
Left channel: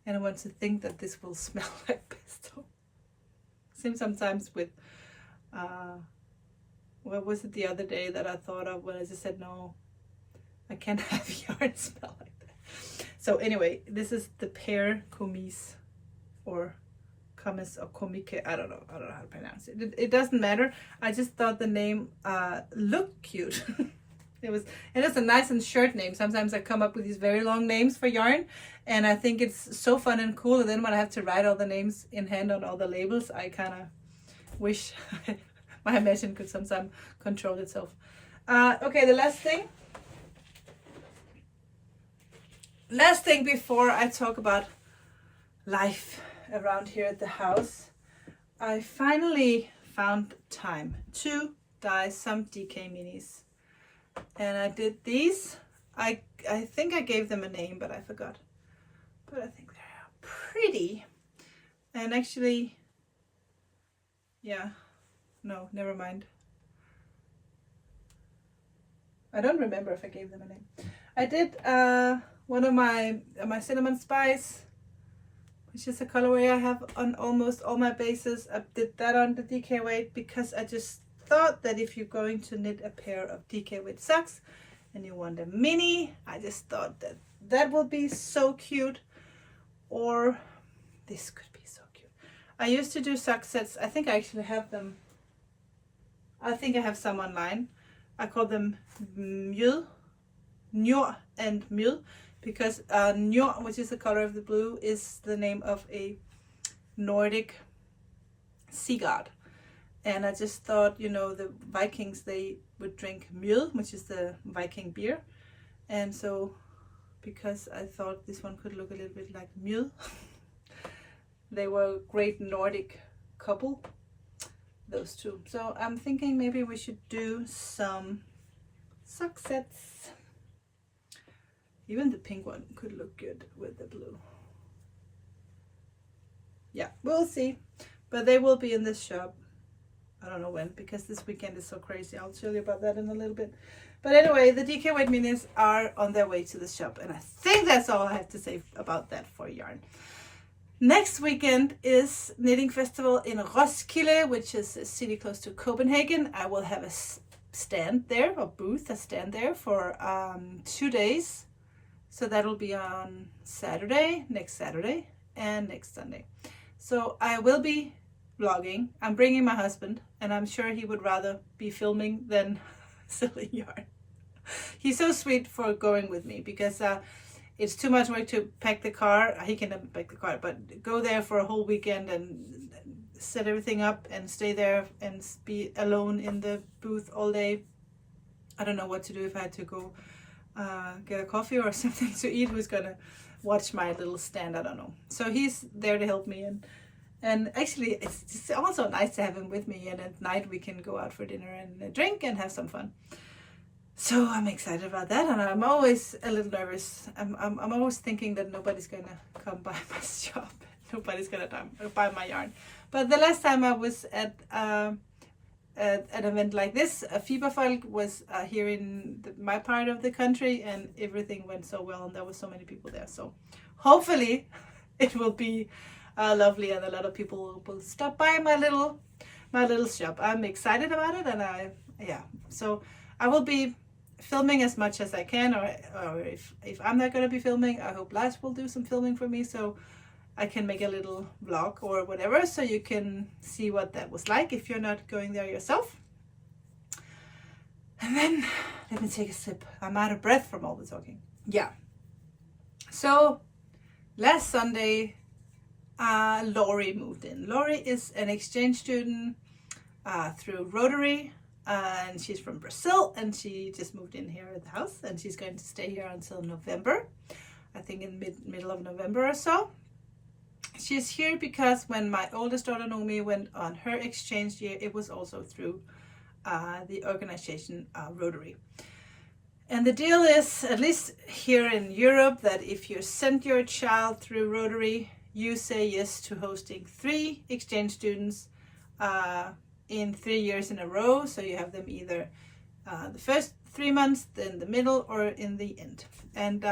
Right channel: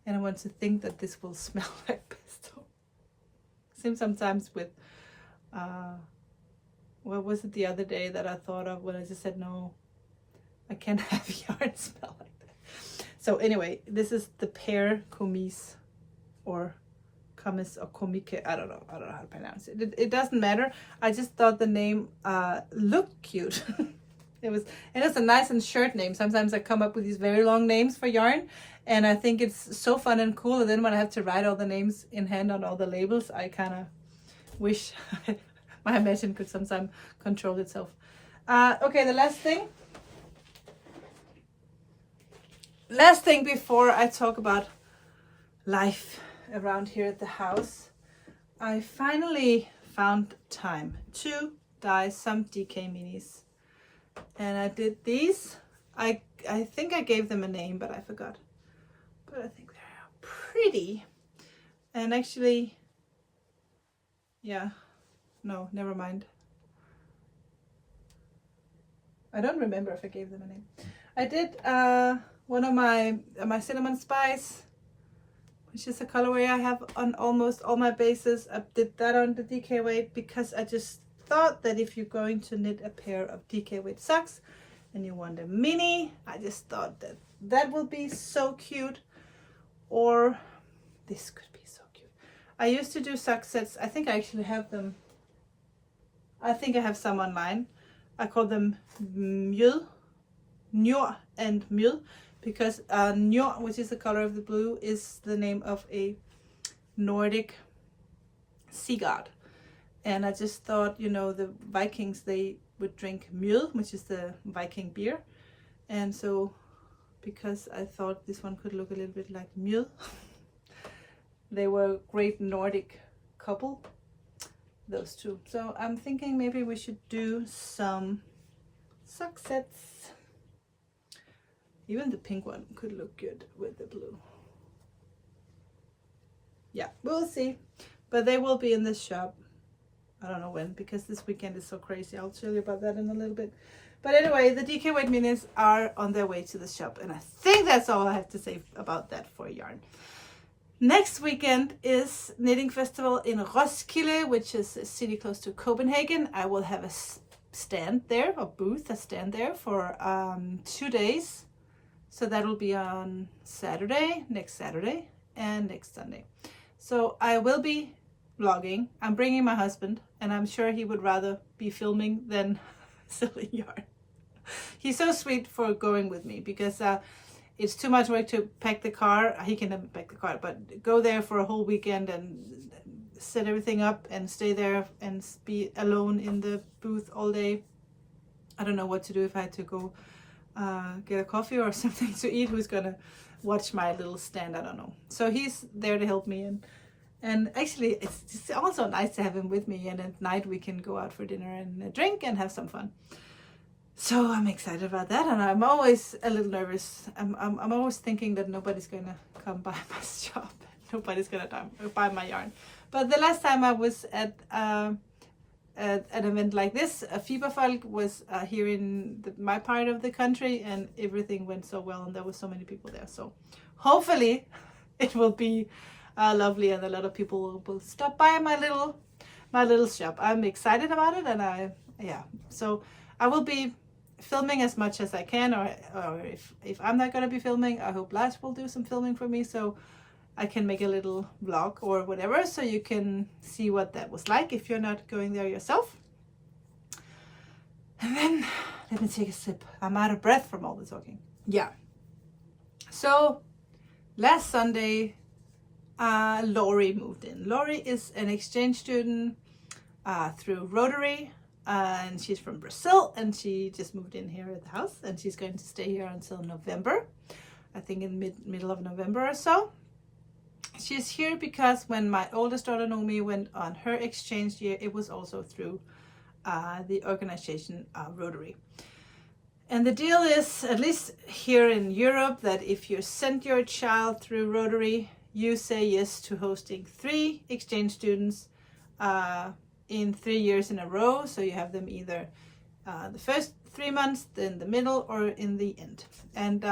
anyone to think that this will smell like pesto. Same sometimes with, what was it the other day that I thought of when I just said, no, I can't have yarn smell like that. So anyway, this is the pear comis or comis or comique. I don't know how to pronounce it. It doesn't matter. I just thought the name looked cute. It's a nice and short name. Sometimes I come up with these very long names for yarn, and I think it's so fun and cool. And then when I have to write all the names in hand on all the labels, I kind of wish my imagination could sometimes control itself. Okay, the last thing. Last thing before I talk about life around here at the house, I finally found time to dye some DK minis. And I did these. I think I gave them a name, but I forgot. But I think they're pretty. And actually, yeah, no, never mind. I don't remember if I gave them a name. I did one of my cinnamon spice, which is a colorway I have on almost all my bases. I did that on the DK weight because I just thought that if you're going to knit a pair of DK weight socks and you want a mini, I just thought that that would be so cute. Or this could be so cute. I used to do sock sets. I think I actually have them. I think I have some online. I call them Njord and Mjød, because Njord, which is the color of the blue, is the name of a Nordic sea god. And I just thought, you know, the Vikings, they would drink mjød, which is the Viking beer. And so, because I thought this one could look a little bit like mjød, they were a great Nordic couple, those two. So I'm thinking maybe we should do some sock sets. Even the pink one could look good with the blue. Yeah, we'll see. But they will be in this shop. I don't know when, because this weekend is so crazy. I'll tell you about that in a little bit. But anyway, the DK weight minis are on their way to the shop. And I think that's all I have to say about that for yarn. Next weekend is Knitting Festival in Roskilde, which is a city close to Copenhagen. I will have a stand there, a booth, a stand there for 2 days. So that'll be on Saturday, next Saturday, and next Sunday. So I will be vlogging. I'm bringing my husband, and I'm sure he would rather be filming than selling yarn. He's so sweet for going with me, because it's too much work to pack the car. He can never pack the car, but go there for a whole weekend and set everything up and stay there and be alone in the booth all day. I don't know what to do if I had to go get a coffee or something to eat. Who's gonna watch my little stand? I don't know. So he's there to help me, and actually it's just also nice to have him with me, and at night we can go out for dinner and a drink and have some fun. So I'm excited about that, and I'm always a little nervous. I'm always thinking that nobody's gonna come by my shop. Nobody's gonna buy my yarn. But the last time I was at an event like this, a Fiberfolk was here in my part of the country, and everything went so well, and there were so many people there. So hopefully it will be lovely, and a lot of people will stop by my little shop. I'm excited about it, and so I will be filming as much as I can, or if I'm not going to be filming, I hope Lars will do some filming for me, so I can make a little vlog or whatever, so you can see what that was like if you're not going there yourself. And then let me take a sip. I'm out of breath from all the talking. Yeah. So last Sunday, Lori moved in. Lori is an exchange student through Rotary, and she's from Brazil, and she just moved in here at the house, and she's going to stay here until November. I think in middle of November or so. She's here because when my oldest daughter Naomi went on her exchange year, it was also through the organization Rotary. And the deal is, at least here in Europe, that if you send your child through Rotary, you say yes to hosting 3 exchange students in 3 years in a row. So you have them either the first 3 months, then the middle, or in the end. And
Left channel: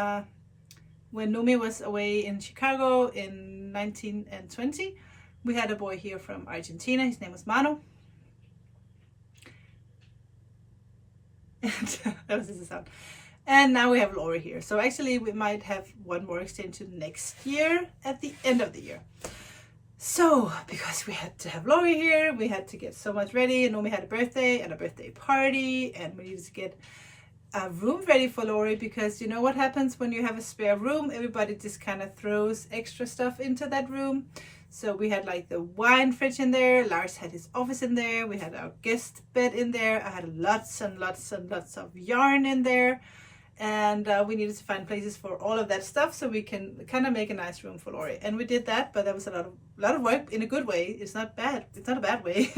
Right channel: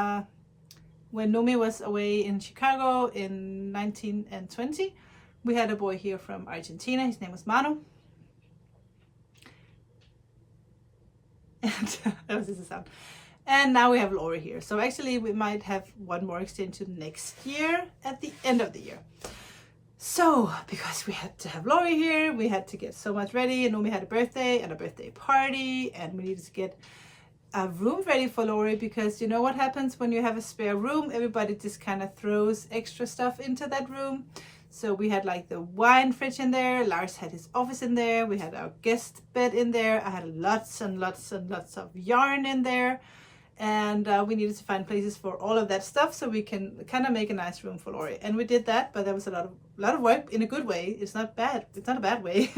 when Nomi was away in Chicago in 19 and 20, we had a boy here from Argentina. His name was Manu. And that was his sound. And now we have Lori here. So actually we might have one more extension next year at the end of the year. So because we had to have Lori here, we had to get so much ready, and Nomi had a birthday and a birthday party, and we needed to get a room ready for Lori, because you know what happens when you have a spare room? Everybody just kind of throws extra stuff into that room. So we had like the wine fridge in there, Lars had his office in there, we had our guest bed in there, I had lots and lots and lots of yarn in there, and we needed to find places for all of that stuff so we can kind of make a nice room for Lori. And we did that, but that was a lot of work in a good way. It's not bad. It's not a bad way.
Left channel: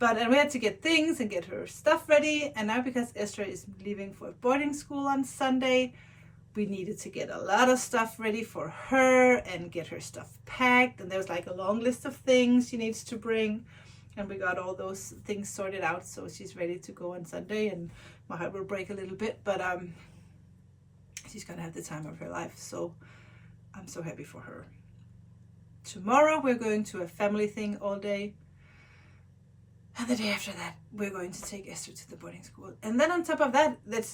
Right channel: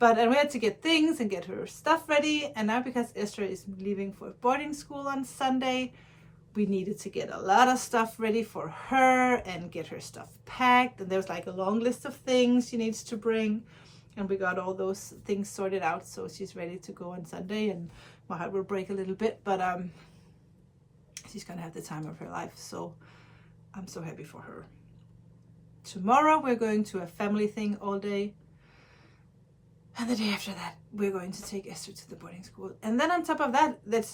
And we had to get things and get her stuff ready. And now because Esther is leaving for boarding school on Sunday, we needed to get a lot of stuff ready for her and get her stuff packed. And there was like a long list of things she needs to bring. And we got all those things sorted out, so she's ready to go on Sunday. And my heart will break a little bit, but she's gonna have the time of her life. So I'm so happy for her. Tomorrow we're going to a family thing all day. And the day after that, we're going to take Esther to the boarding school. And then on top of that, it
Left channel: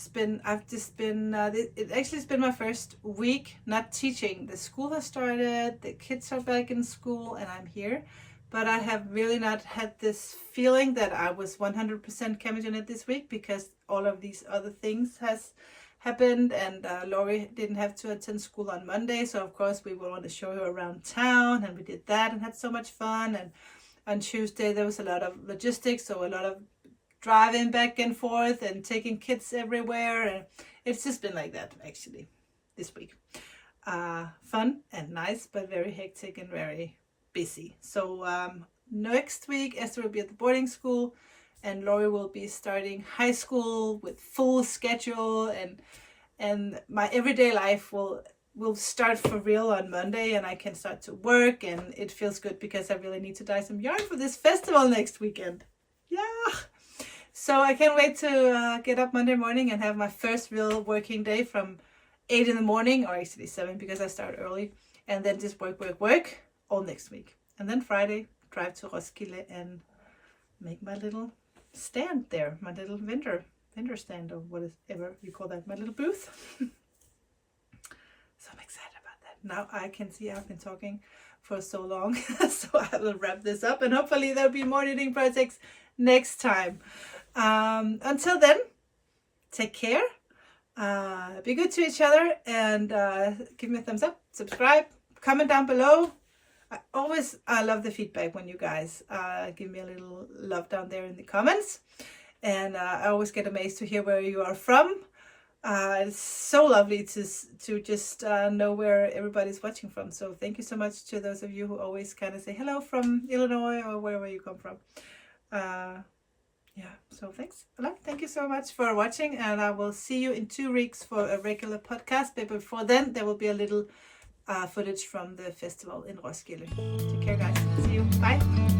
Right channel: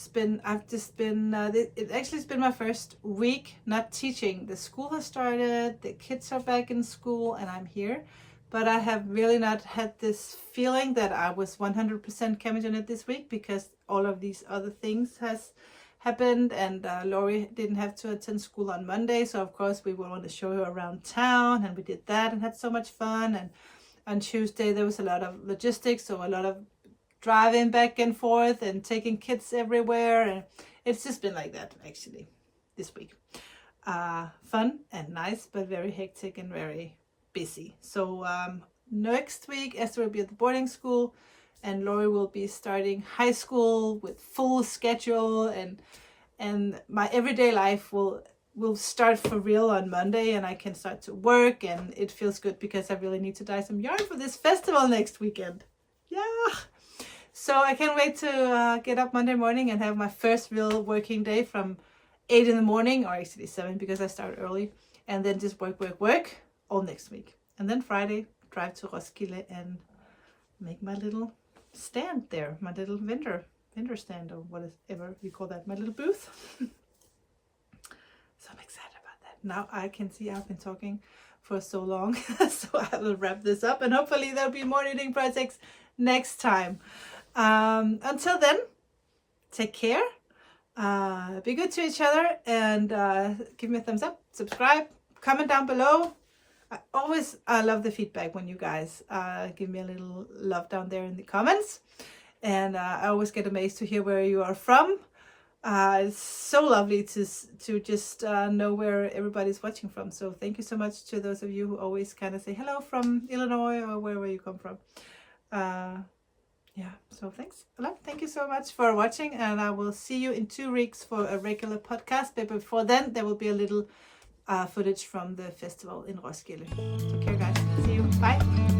actually has been my first week not teaching. The school has started, the kids are back in school, and I'm here. But I have really not had this feeling that I was 100% committed in it this week, because all of these other things has happened, and Lori didn't have to attend school on Monday. So of course we want to show her around town, and we did that and had so much fun. And on Tuesday there was a lot of logistics, so a lot of driving back and forth and taking kids everywhere, and it's just been like that actually this week. Fun and nice, but very hectic and very busy. So next week Esther will be at the boarding school, and Lori will be starting high school with full schedule, and my everyday life will start for real on Monday, and I can start to work, and it feels good because I really need to dye some yarn for this festival next weekend. Yeah, so I can't wait to get up Monday morning and have my first real working day from 8 in the morning, or actually 7 because I start early, and then just work all next week. And then Friday drive to Roskilde and make my little stand there, my little vendor stand, or whatever you call that, my little booth. So I'm excited about that. Now I can see I've been talking for so long, so I will wrap this up, and hopefully there'll be more knitting projects next time. Until then, take care, be good to each other, and give me a thumbs up, subscribe, comment down below. I love the feedback when you guys give me a little love down there in the comments, and I always get amazed to hear where you are from. It's so lovely to just know where everybody's watching from. So thank you so much to those of you who always kind of say hello from Illinois or wherever you come from. Yeah, so thanks a lot. Thank you so much for watching, and I will see you in 2 weeks for a regular podcast. But before then, there will be a little footage from the festival in Roskilde. Take care, guys. See you. Bye.